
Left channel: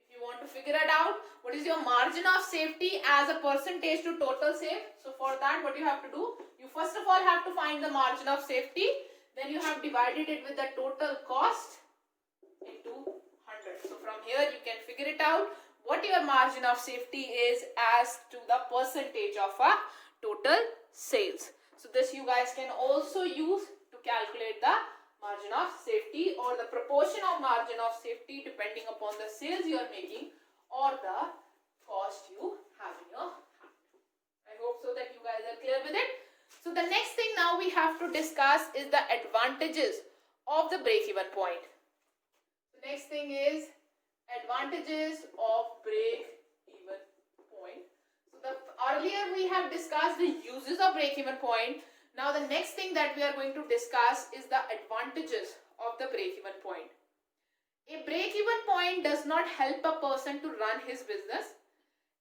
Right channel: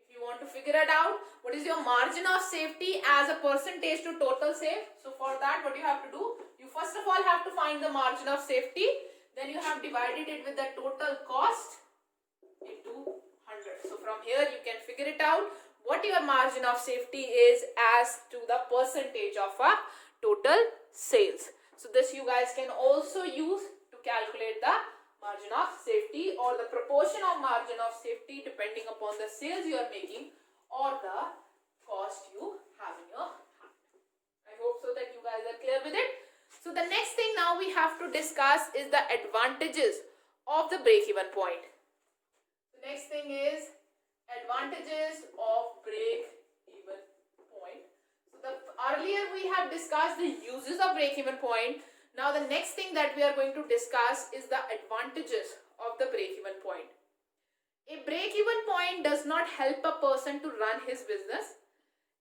If you want to figure it out, what is your margin of safety as a percentage to total sale? So for that, what you have to do, you first of all have to find the margin of safety, then you have divided it with the total cost into 100. So from here you can figure it out what your margin of safety is as to the percentage of a total sales. So this you guys can also use to calculate the margin of safety or the proportion of margin of safety depending upon the sales you are making or the cost you have in your hand. I hope so that you guys are clear with it. So the next thing now we have to discuss is the advantages of the break-even point. The next thing is advantages of break-even point. So earlier we have discussed the uses of break-even point. Now the next thing that we are going to discuss is the advantages of the break-even point. A break-even point does not help a person to run his business.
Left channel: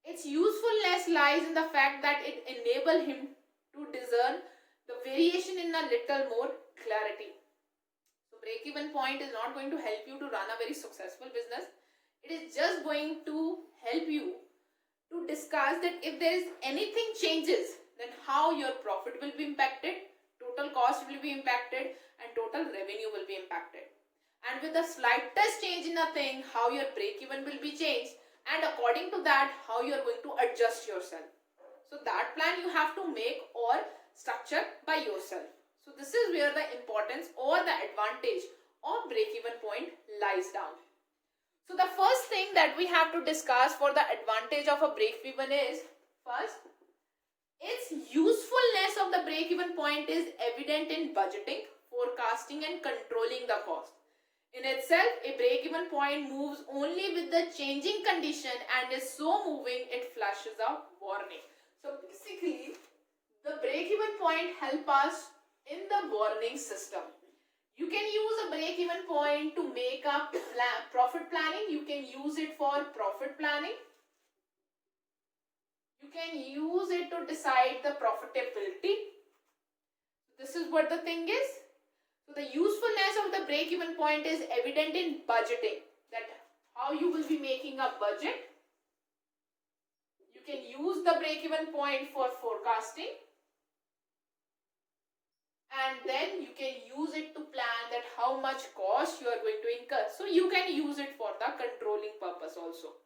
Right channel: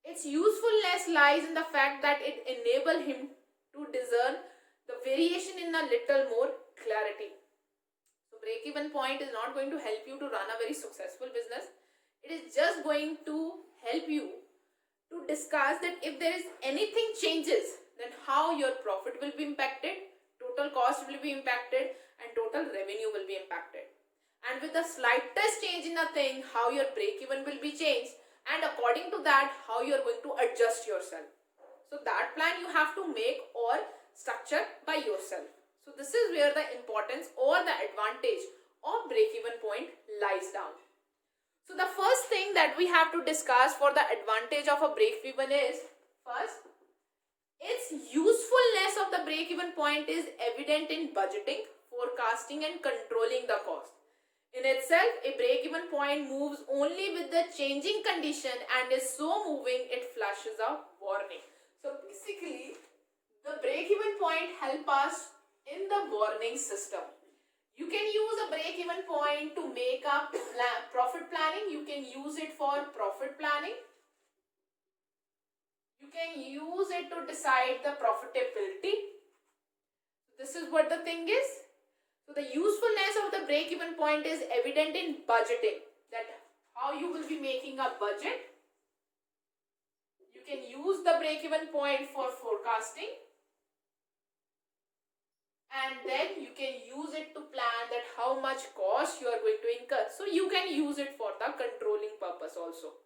Its usefulness lies in the fact that it enables him to discern the variation in a little more clarity. So break-even point is not going to help you to run a very successful business. It is just going to help you to discuss that if there is anything changes, then how your profit will be impacted, total cost will be impacted, and total revenue will be impacted. And with the slightest change in a thing, how your break-even will be changed, and according to that, how you are going to adjust yourself. So that plan you have to make or structure by yourself. So this is where the importance or the advantage of break-even point lies down. So the first thing that we have to discuss for the advantage of a break-even is, first, its usefulness of the break-even point is evident in budgeting, forecasting and controlling the cost. In itself, a break-even point moves only with the changing condition and is so moving it flashes a warning. So basically, the break-even point help us in the warning system. You can use a break-even point to make a profit planning. You can use it for profit planning. You can use it to decide the profitability. This is what the thing is. So the usefulness of the break-even point is evident in budgeting. That how you will be making a budget. You can use the break-even point for forecasting. And then you can use it to plan that how much cost you are going to incur. So you can use it for the controlling purpose also.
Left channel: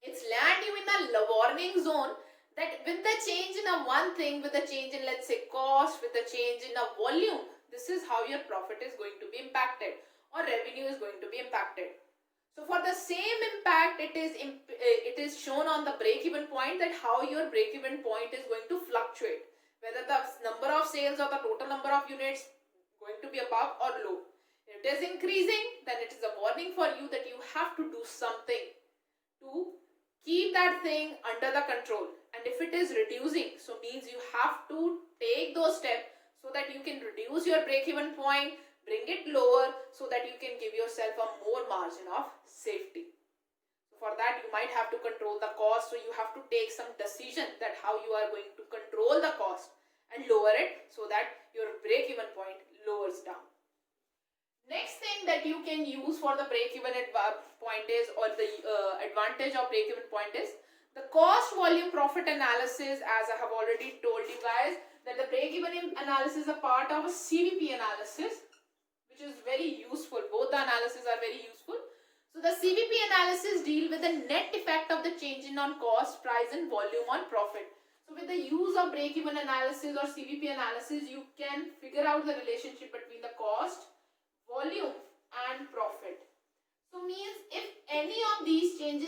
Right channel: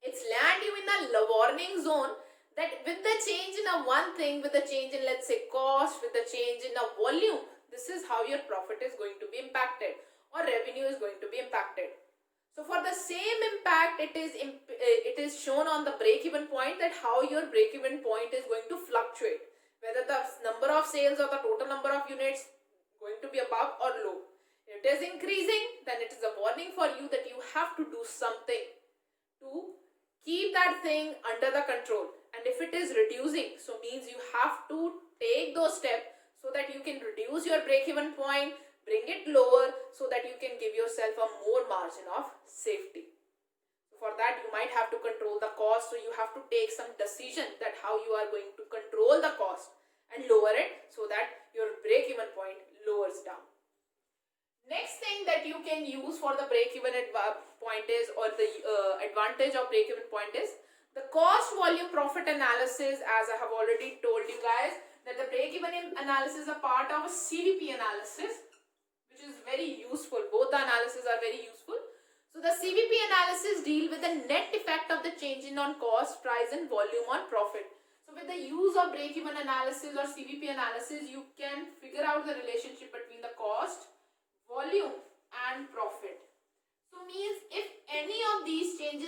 It's land you in a warning zone that with the change in a one thing, with the change in let's say cost, with the change in a volume, this is how your profit is going to be impacted or revenue is going to be impacted. So for the same impact, it is shown on the break-even point that how your break-even point is going to fluctuate. Whether the number of sales or the total number of units going to be above or low. If it is increasing, then it is a warning for you that you have to do something to keep that thing under the control. And if it is reducing, so means you have to take those steps so that you can reduce your break-even point, bring it lower so that you can give yourself a more margin of safety. For that, you might have to control the cost, so you have to take some decision that how you are going to control the cost and lower it so that your break-even point lowers down. Next thing that you can use for the break-even point is, or the advantage of break-even point is, the cost volume profit analysis. As I have already told you guys that the break-even analysis is a part of a CVP analysis, which is very useful. Both the analyses are very useful. So the CVP analysis deal with the net effect of the change in on cost, price and volume on profit. So So with the use of break-even analysis or CVP analysis, you can figure out the relationship between the cost, volume and profit. So means if any of these thing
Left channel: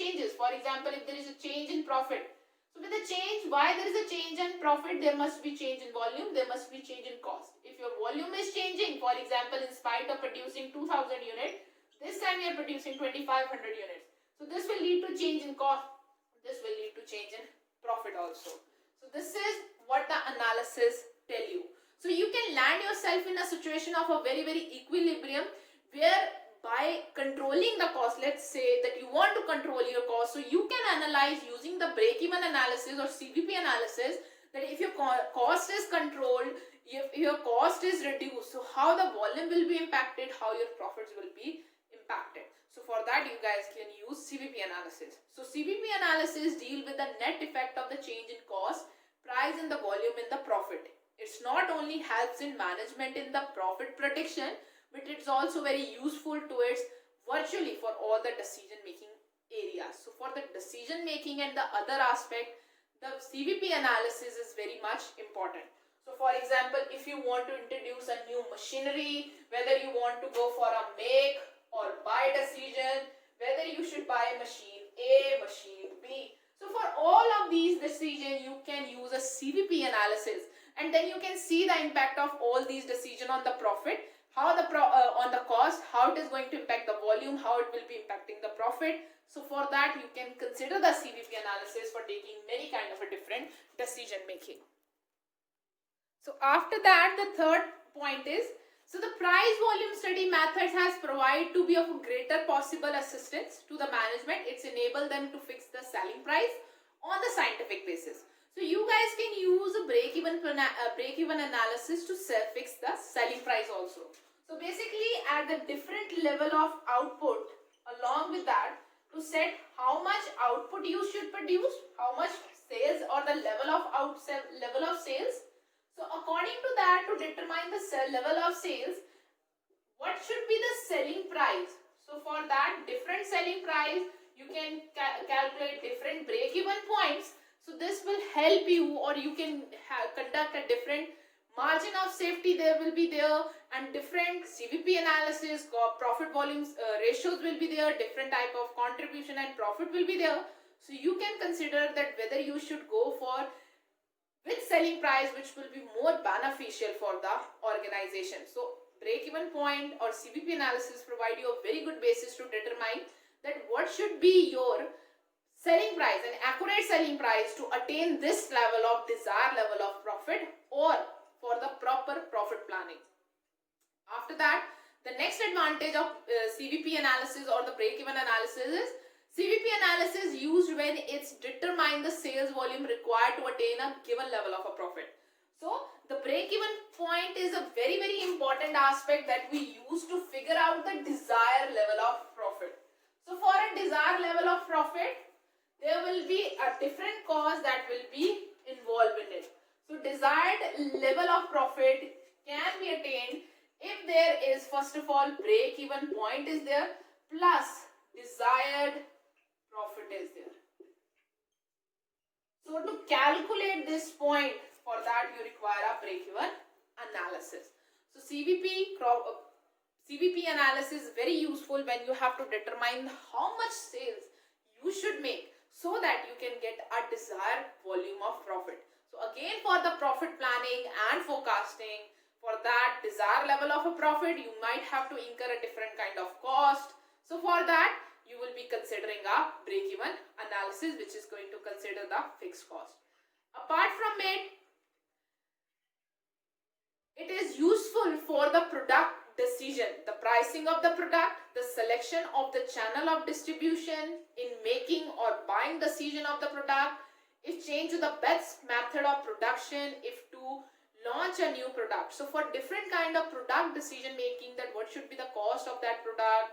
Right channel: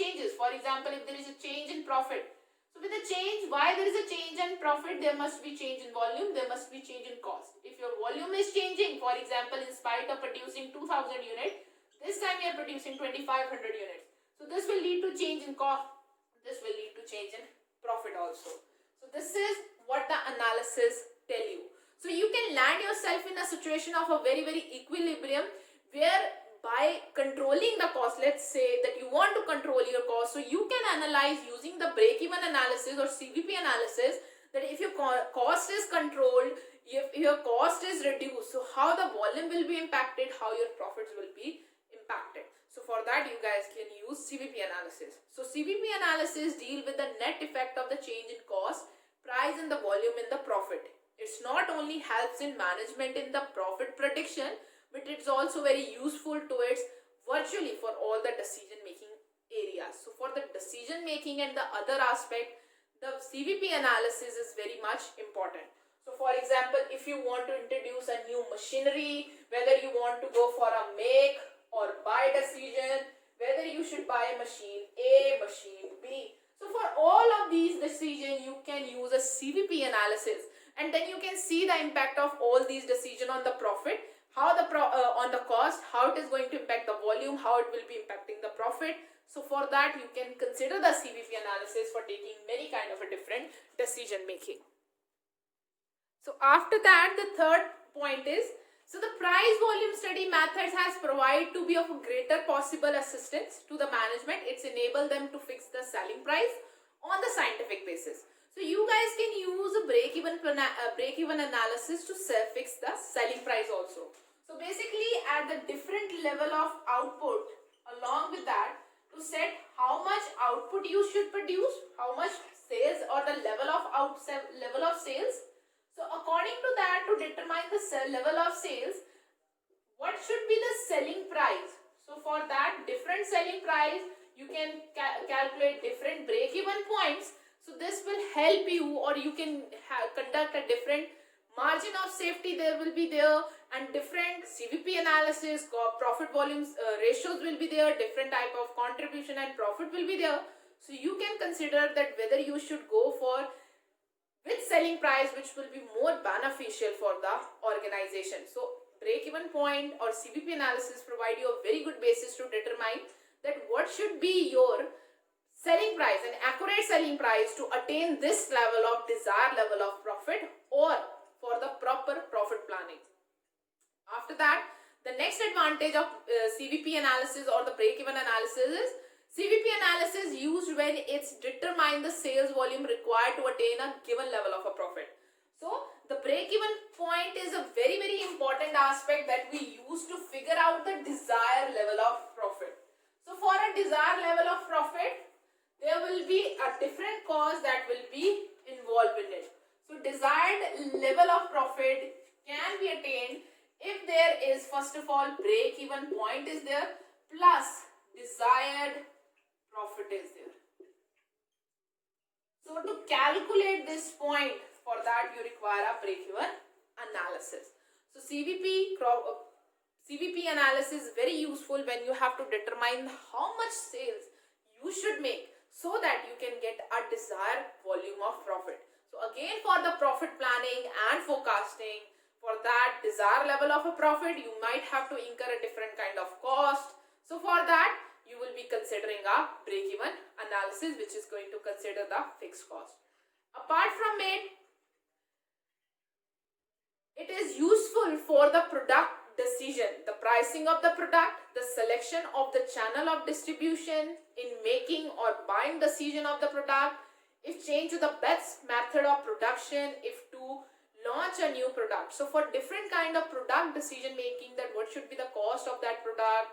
changes, for example, if there is a change in profit, so with the change, why there is a change in profit, there must be change in volume, there must be change in cost. If your volume is changing, for example, in spite of producing 2000 units, this time you are producing 2500 units. So this will lead to change in cost, this will lead to change in profit also. So this is what the analysis tell you. So you can land yourself in a situation of a very equilibrium, where by controlling the cost, let's say that you want to control your cost, so you can analyze using the break-even analysis or CVP analysis, that if your cost is controlled, if your cost is reduced, so how the volume will be impacted, how your profits will be impacted. So for that you guys can use CVP analysis. So CVP analysis deal with the net effect of the change in cost, price and the volume in the profit. It's not only helps in management in the profit prediction, but it's also very useful towards virtually for all the decision making areas. So for the decision making and the other aspect, the CVP analysis is very much important. So for example, if you want to introduce a new machinery, whether you want to go for a make or buy decision, whether you should buy machine A, machine B. So for all of these decisions, you can use a CVP analysis, and then you can see the impact of all these decisions on the profit, how the on the cost, how it is going to impact the volume, how it will be impacting the profit. So for that you can consider the CVP analysis for taking many kind of a different decision making. So after that, the third point is, so the price volume study methods has provided to be of a greater possible assistance to the management. It's enabled them to fix the selling price on the scientific basis. So you guys can use a break-even analysis to fix the selling price also. So basically at the different level of output, along with that, to set how much output you should produce, how much sales or the level of sales. So according to that, to determine the level of sales, what should be the selling price? So for that different selling price, you can calculate different break-even points. So this will help you, or you can conduct a different margin of safety there will be there, and different CVP analysis, profit volumes ratios will be there, different type of contribution and profit will be there. So you can consider that whether you should go for which selling price which will be more beneficial for the organization. So break-even point or CVP analysis provide you a very good basis to determine that what should be your selling price, an accurate selling price to attain this level of desired level of profit, or for the proper profit planning. After that, the next advantage of CVP analysis or the break-even analysis is, CVP analysis used when it's determine the sales volume required to attain a given level of a profit. So the break-even point is a very important aspect that we use to figure out the desired level of profit. So for a desired level of profit, there will be a different cost that will be involved in it. So desired level of profit can be attained if there is, first of all, break-even point is there, plus desired profit is there. So to calculate this point, for that you require a break-even analysis. So CVP analysis is very useful when you have to determine how much sales you should make, so that you can get a desired volume of profit. So again, for the profit planning and forecasting, for that desired level of a profit, you might have to incur a different kind of cost. So for that, you will be considering a break-even analysis, which is going to consider the fixed cost. Apart from it, it is useful for the product decision, the pricing of the product, the selection of the channel of distribution, in making or buying decision of the product, if change to the best method of production, if to launch a new product. So for different kind of product decision making, that what should be the cost of that product,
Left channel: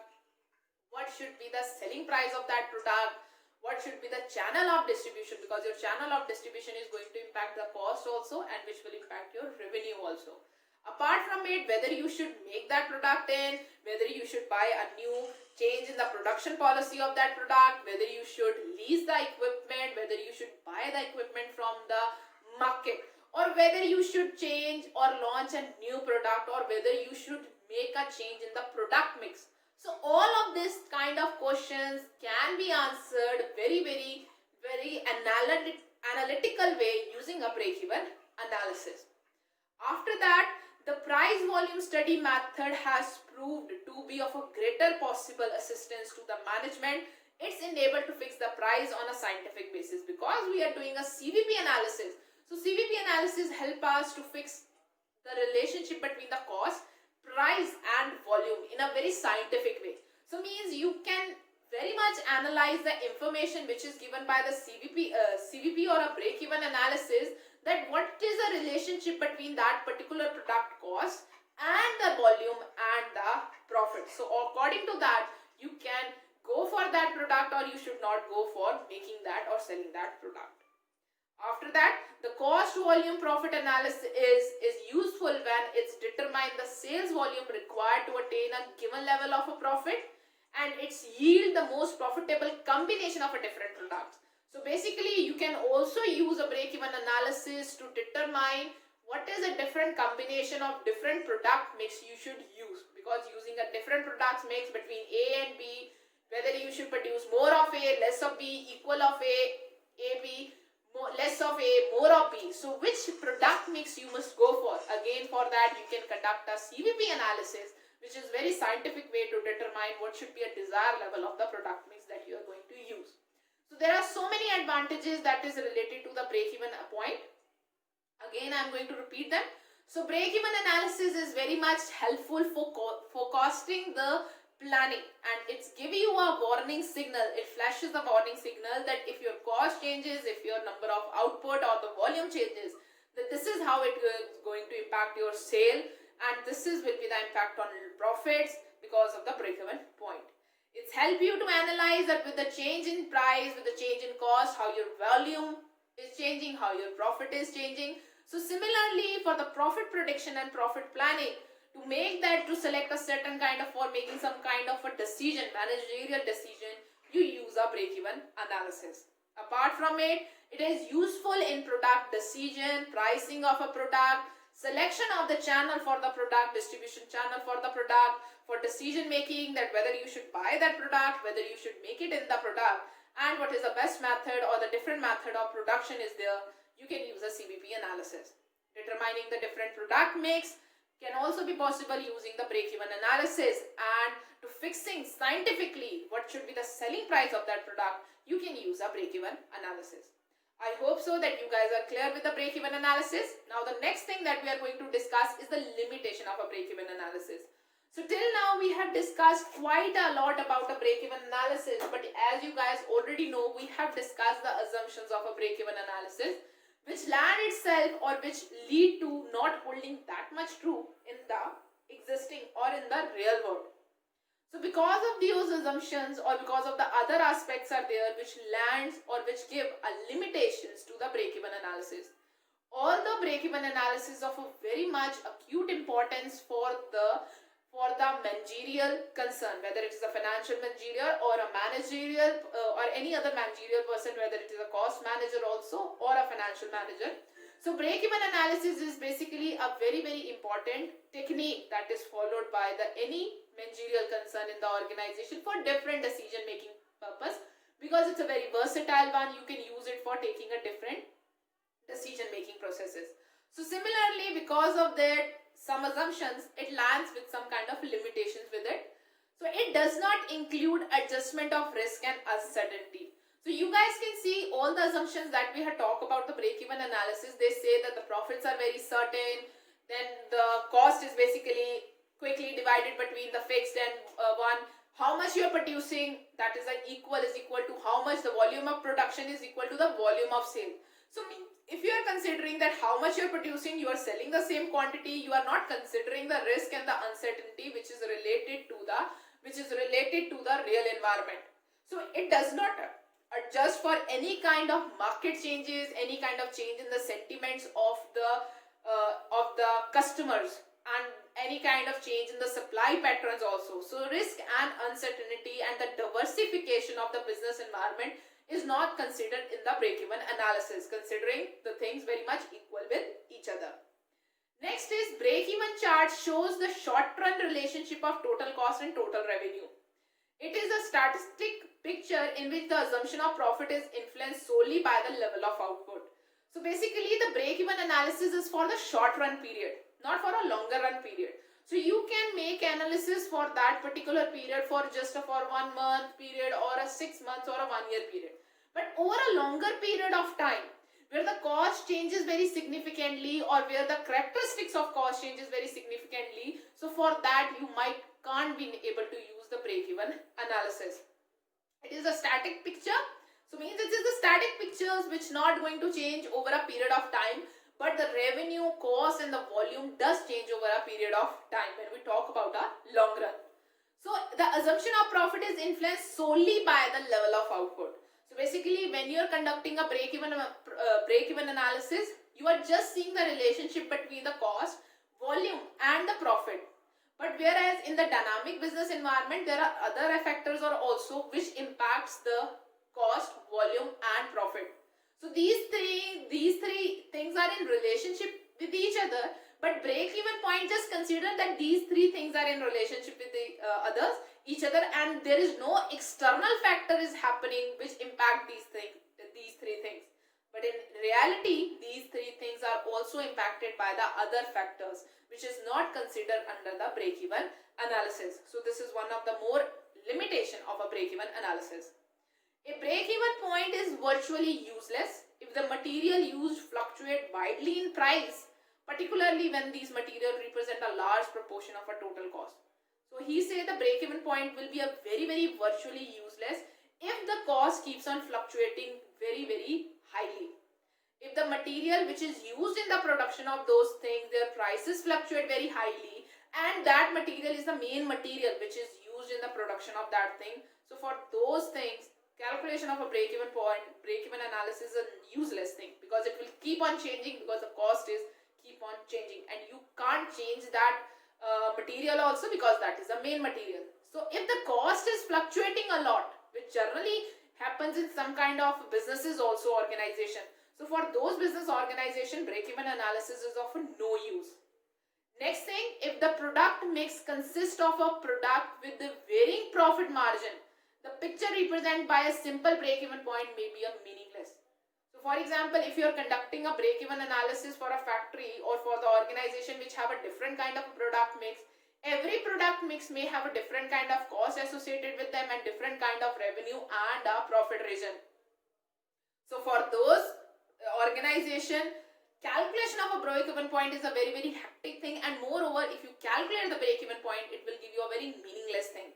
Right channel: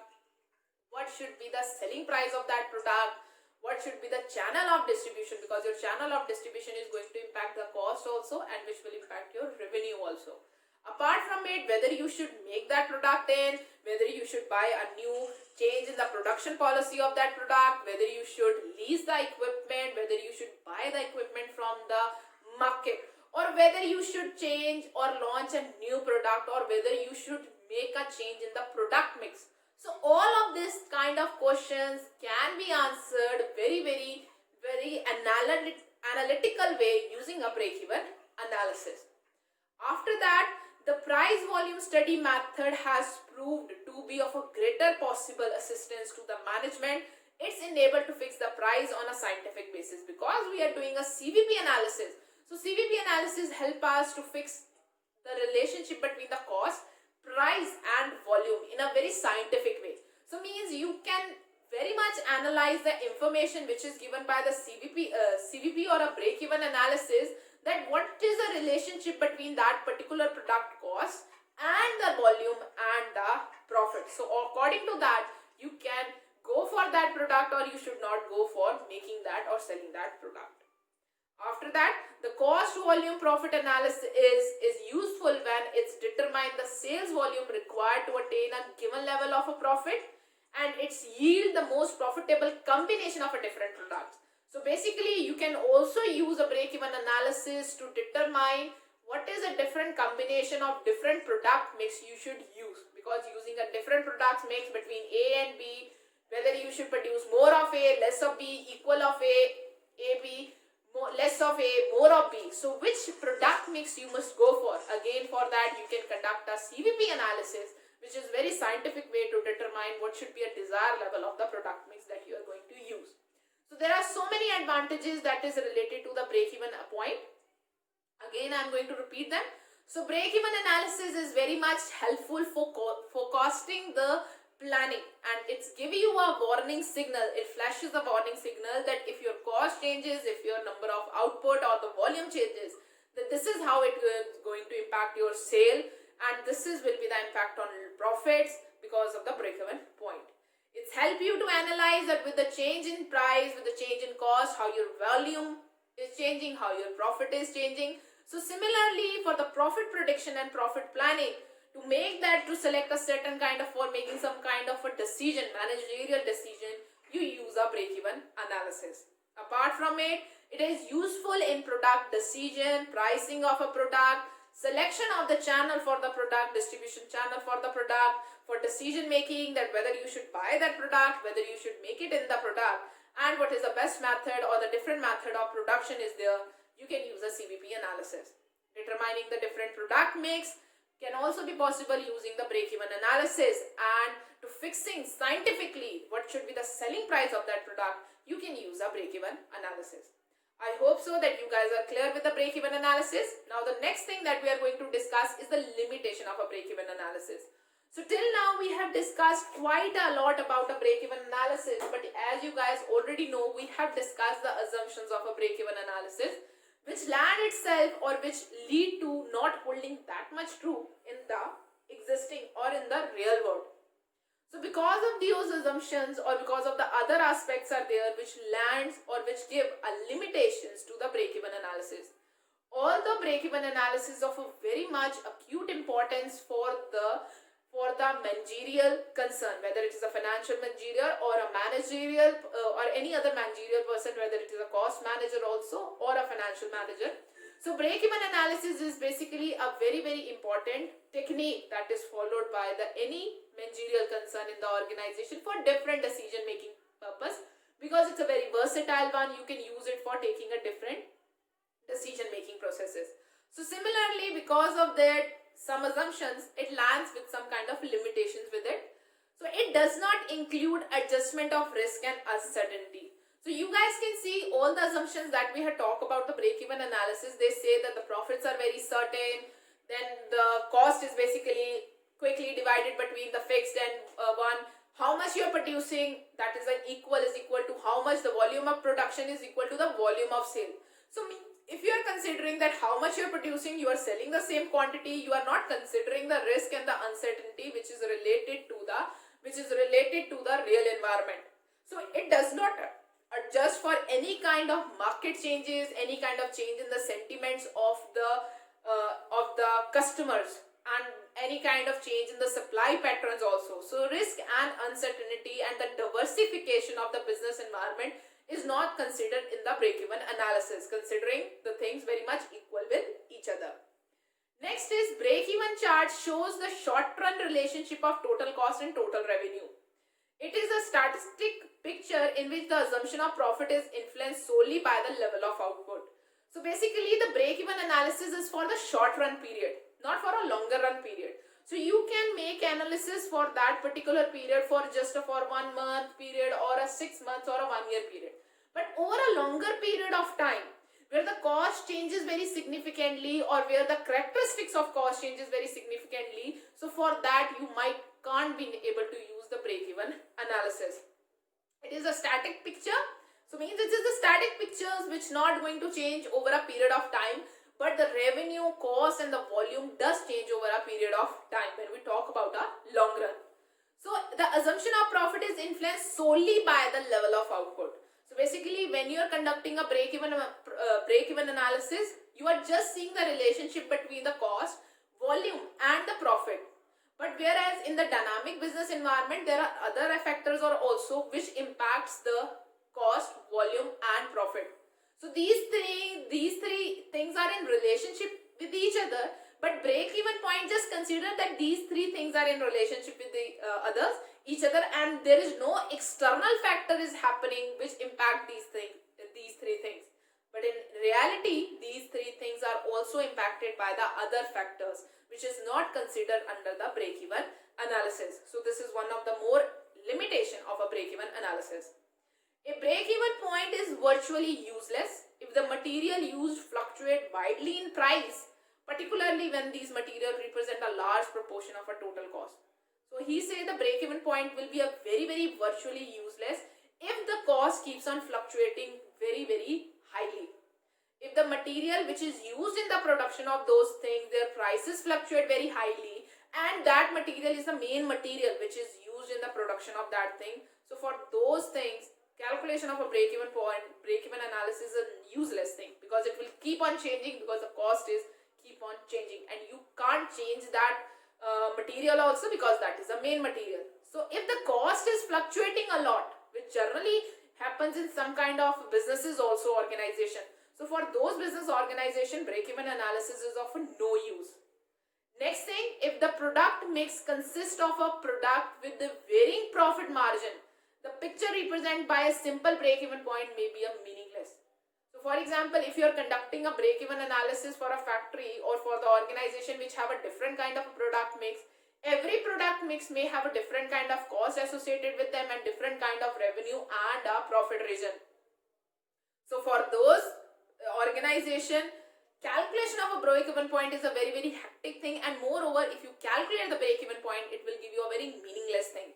what should be the selling price of that product, what should be the channel of distribution, because your channel of distribution is going to impact the cost also, and which will impact your revenue also. Apart from it, whether you should make that product in, whether you should buy a new change in the production policy of that product, whether you should lease the equipment, whether you should buy the equipment from the market, or whether you should change or launch a new product, or whether you should make a change in the product mix. So all of this kind of questions can be answered very analytical way using a break-even analysis. After that, the price volume study method has proved to be of a greater possible assistance to the management. It's enabled to fix the price on a scientific basis because we are doing a CVP analysis. So CVP analysis help us to fix the relationship between the cost, price and volume in a very scientific way. So means you can very much analyze the information which is given by the CVP or a break-even analysis, that what is the relationship between that particular product cost and the volume and the profit. So according to that, you can go for that product or you should not go for making that or selling that product. After that, the cost volume profit analysis is useful when it's determined the sales volume required to attain a given level of a profit and it's yield the most profitable combination of a different products. So basically, you can also use a break-even analysis to determine what is a different combination of different product mix you should use, because using a different product mix between A and B, whether you should produce more of A, less of B, equal of A, B, less of A, more of B. So which product mix you must go for? Again, for that you can conduct a CVP analysis, which is very scientific way to determine what should be a desired level of the product mix that you are going to use. So there are so many advantages that is related to the break-even point. Again, I am going to repeat them. So break-even analysis is very much helpful for forecasting the planning, and it's giving you a warning signal. It flashes a warning signal that if your cost changes, if your number of output or the volume changes, that this is how it is going to impact your sale, and this will be the impact on profits because of the break-even point. It's help you to analyze that with the change in price, with the change in cost, how your volume is changing, how your profit is changing. So similarly, for the profit prediction and profit planning, to make that, to select a certain kind of, for making some kind of a decision, managerial decision, you use a break-even analysis. Apart from it, it is useful in product decision, pricing of a product, selection of the channel for the product, distribution channel for the product, for decision making, that whether you should buy that product, whether you should make it in the product, and what is the best method or the different method of production is there, you can use a CVP analysis. Determining the different product mix can also be possible using the break-even analysis, and to fixing scientifically what should be the selling price of that product, you can use a break-even analysis. I hope so that you guys are clear with the break-even analysis. Now the next thing that we are going to discuss is the limitation of a break-even analysis. So till now we have discussed quite a lot about a break-even analysis, but as you guys already know, we have discussed the assumptions of a break-even analysis, which land itself or which lead to not holding that much true in the existing or in the real world. So because of those assumptions or because of the other aspects are there which lands or which give a limitations to the break-even analysis. Although break-even analysis is of a very much acute importance for the managerial concern, whether it is a financial managerial or a managerial or any other managerial person, whether it is a cost manager also or a financial manager. So break-even analysis is basically a very important technique that is followed by any managerial concern in the organization for different decision making purpose, because it's a very versatile one. You can use it for taking a different decision making processes. So similarly, because of that some assumptions, it lands with some kind of limitations with it. So it does not include adjustment of risk and uncertainty. So you guys can see all the assumptions that we had talked about the break-even analysis. They say that the profits are very certain, then the cost is basically quickly divided between the fixed and one. How much you are producing, that is equal to how much the volume of production is equal to the volume of sale. So if you are considering that how much you are producing, you are selling the same quantity, you are not considering the risk and the uncertainty which is related to the real environment. So it does not adjust for any kind of market changes, any kind of change in the sentiments of the customers, and any kind of change in the supply patterns also. So risk and uncertainty and the diversification of the business environment is not considered in the break-even analysis, considering the things very much equal with each other. Next is break-even chart shows the short-run relationship of total cost and total revenue. It is a statistic picture in which the assumption of profit is influenced solely by the level of output. So basically the break-even analysis is for the short-run period, not for a longer run period. So you can make analysis for that particular period for just for 1 month period or a 6 months or a 1 year period. But over a longer period of time, where the cost changes very significantly or where the characteristics of cost changes very significantly, so for that you can't be able to use the break-even analysis. It is a static picture. So means it is the static pictures which not going to change over a period of time, but the revenue, cost and the volume does change over a period of time when we talk about a long run. So the assumption of profit is influenced solely by the level of output. So basically when you are conducting a break-even analysis, you are just seeing the relationship between the cost, volume and the profit. But whereas in the dynamic business environment, there are other factors also which impacts the cost, volume and profit. So these three things are in relationship with each other, but break-even point just consider that these three things are in relationship with the each other, and there is no external factor is happening which impact these three things. But in reality, these three things are also impacted by the other factors, which is not considered under the break-even analysis. So this is one of the more limitation of a break-even analysis. A break-even point is virtually useless if the material used fluctuate widely in price, particularly when these materials represent a large proportion of a total cost. So he said the break-even point will be a very virtually useless if the cost keeps on fluctuating very highly. If the material which is used in the production of those things, their prices fluctuate very highly, and that material is the main material which is used in the production of that thing. So for those things, calculation of a break-even point, break-even analysis is a useless thing, because it will keep on changing, because the cost is keep on changing and you can't change that material also, because that is the main material. So if the cost is fluctuating a lot, which generally happens in some kind of businesses also, organization, so for those business organization, break-even analysis is of no use. Next thing, if the product mix consists of a product with the varying profit margin, the picture represented by a simple break-even point may be meaningless. So for example, if you are conducting a break-even analysis for a factory or for the organization which have a different kind of product mix, every product mix may have a different kind of cost associated with them and different kind of revenue and a profit region. So for those organization, calculation of a break-even point is a very hectic thing, and moreover, if you calculate the break-even point, it will give you a very meaningless thing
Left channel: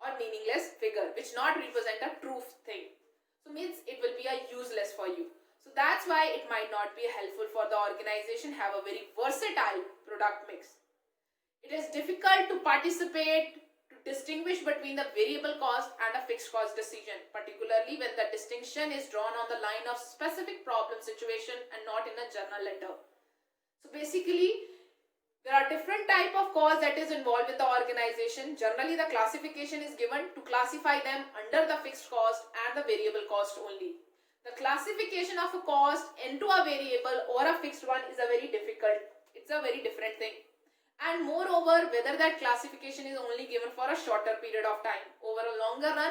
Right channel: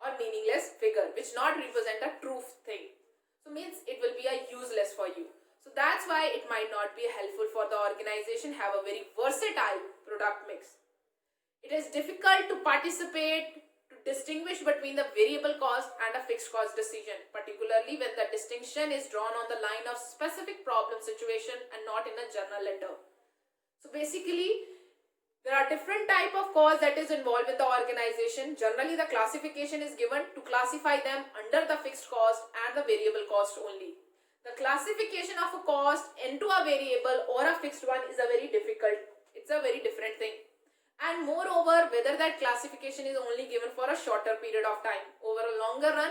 or meaningless figure which not represent a true thing. So means it will be a useless for you. So that's why it might not be helpful for the organization have a very versatile product mix. It is difficult to participate to distinguish between the variable cost and a fixed cost decision, particularly when the distinction is drawn on the line of specific problem situation and not in a journal letter. So basically, there are different type of costs that is involved with the organization. Generally, the classification is given to classify them under the fixed cost and the variable cost only. The classification of a cost into a variable or a fixed one is a very difficult. It's a very different thing. And moreover, whether that classification is only given for a shorter period of time. Over a longer run,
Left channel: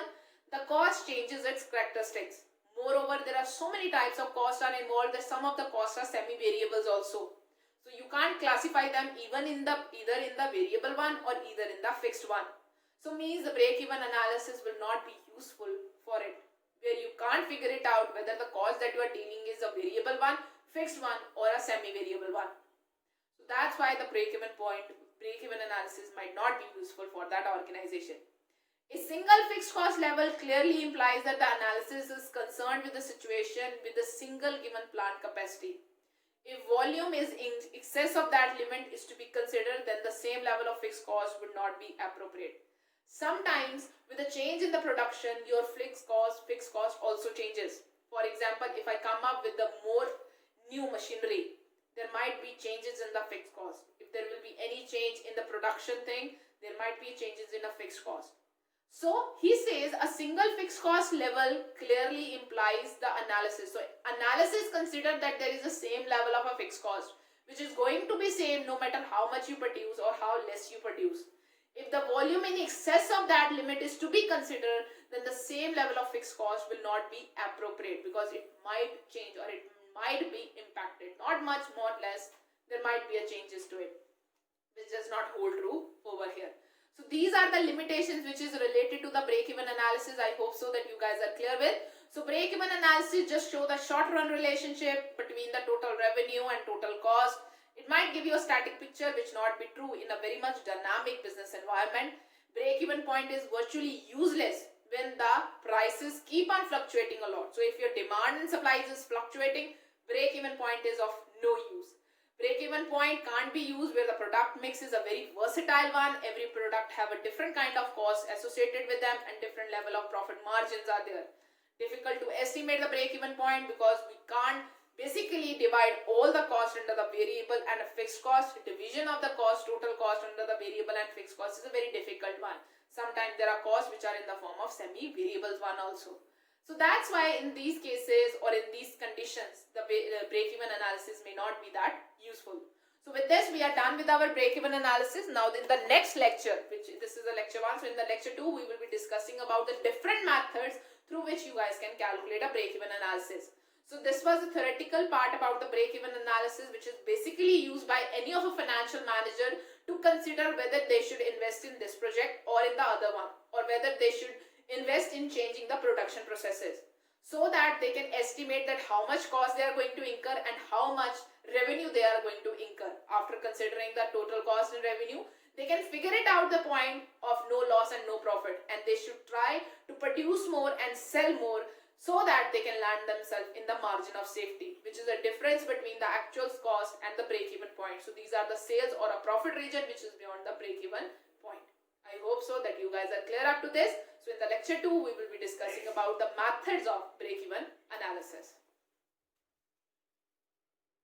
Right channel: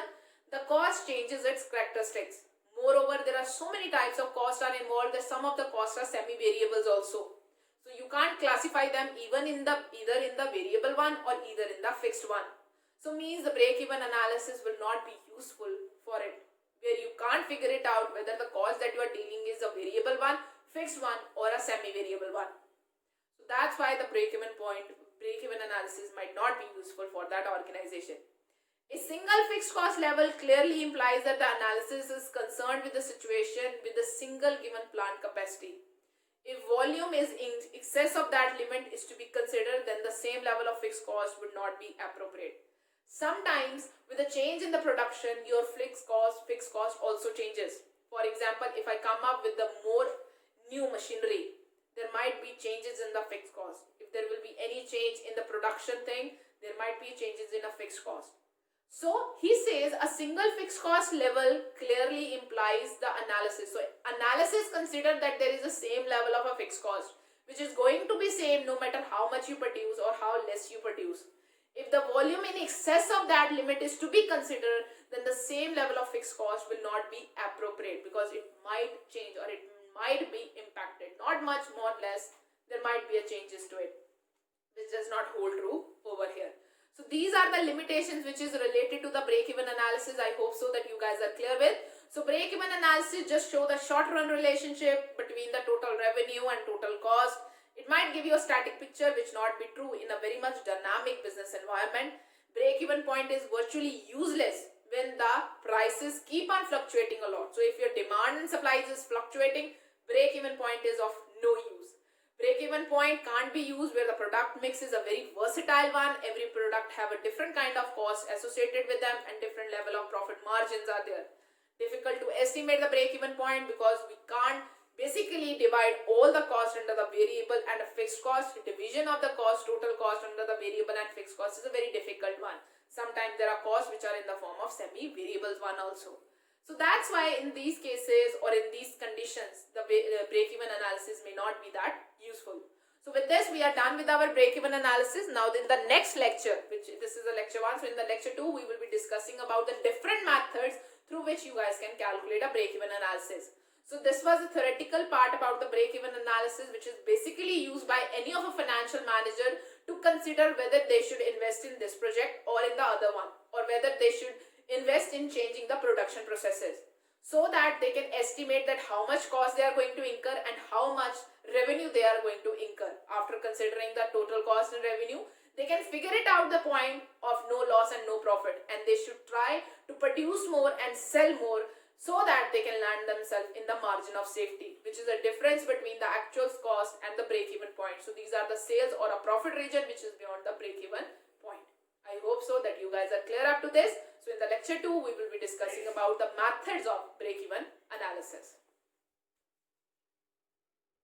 the cost changes its characteristics. Moreover, there are so many types of costs are involved that some of the costs are semi-variables also. So you can't classify them either in the variable one or either in the fixed one. So means the break-even analysis will not be useful for it, where you can't figure it out whether the cost that you are dealing is a variable one, fixed one or a semi-variable one. So that's why the break-even analysis might not be useful for that organization. A single fixed cost level clearly implies that the analysis is concerned with the situation with a single given plant capacity. If volume is in excess of that limit is to be considered, then the same level of fixed cost would not be appropriate. Sometimes with a change in the production, your fixed cost also changes. For example, if I come up with the more new machinery, there might be changes in the fixed cost. If there will be any change in the production thing, there might be changes in a fixed cost. So he says a single fixed cost level clearly implies the analysis. So analysis consider that there is the same level of a fixed cost which is going to be same no matter how much you produce or how less you produce. If the volume in excess of that limit is to be considered, then the same level of fixed cost will not be appropriate because it might change or it might be impacted. Not much more less, there might be a changes to it, which does not hold true over here. So these are the limitations which is related to the break-even analysis. I hope so that you guys are clear with. So break-even analysis just show the short-run relationship between the total revenue and total cost. It might give you a static picture which not be true in a very much dynamic business environment. Break-even point is virtually useless when the prices keep on fluctuating a lot. So if your demand and supplies is fluctuating, break-even point is of no use. Break-even point can't be used where the product mix is a very versatile one. Every product have a different kind of cost associated with them and different level of profit margins are there. Difficult to estimate the break-even point because we can't basically divide all the cost under the variable and a fixed cost. Division of the cost, total cost under the variable and fixed cost is a very difficult one. Sometimes there are costs which are in the form of semi-variables one also. So that's why in these cases or in these conditions, the break-even analysis may not be that useful. So with this, we are done with our break-even analysis. Now in the next lecture, which this is the lecture 1, so in the lecture 2, we will be discussing about the different methods through which you guys can calculate a break-even analysis. So this was the theoretical part about the break-even analysis, which is basically used by any of a financial manager to consider whether they should invest in this project or in the other one, or whether they should invest in changing the production processes so that they can estimate that how much cost they are going to incur and how much revenue they are going to incur. After considering the total cost and revenue, they can figure it out the point of no loss and no profit, and they should try to produce more and sell more so that they can land themselves in the margin of safety, which is the difference between the actual cost and the break-even point. So these are the sales or a profit region which is beyond the break-even point. I hope so that you guys are clear up to this. So in the lecture 2, we will be discussing about the methods of break-even analysis.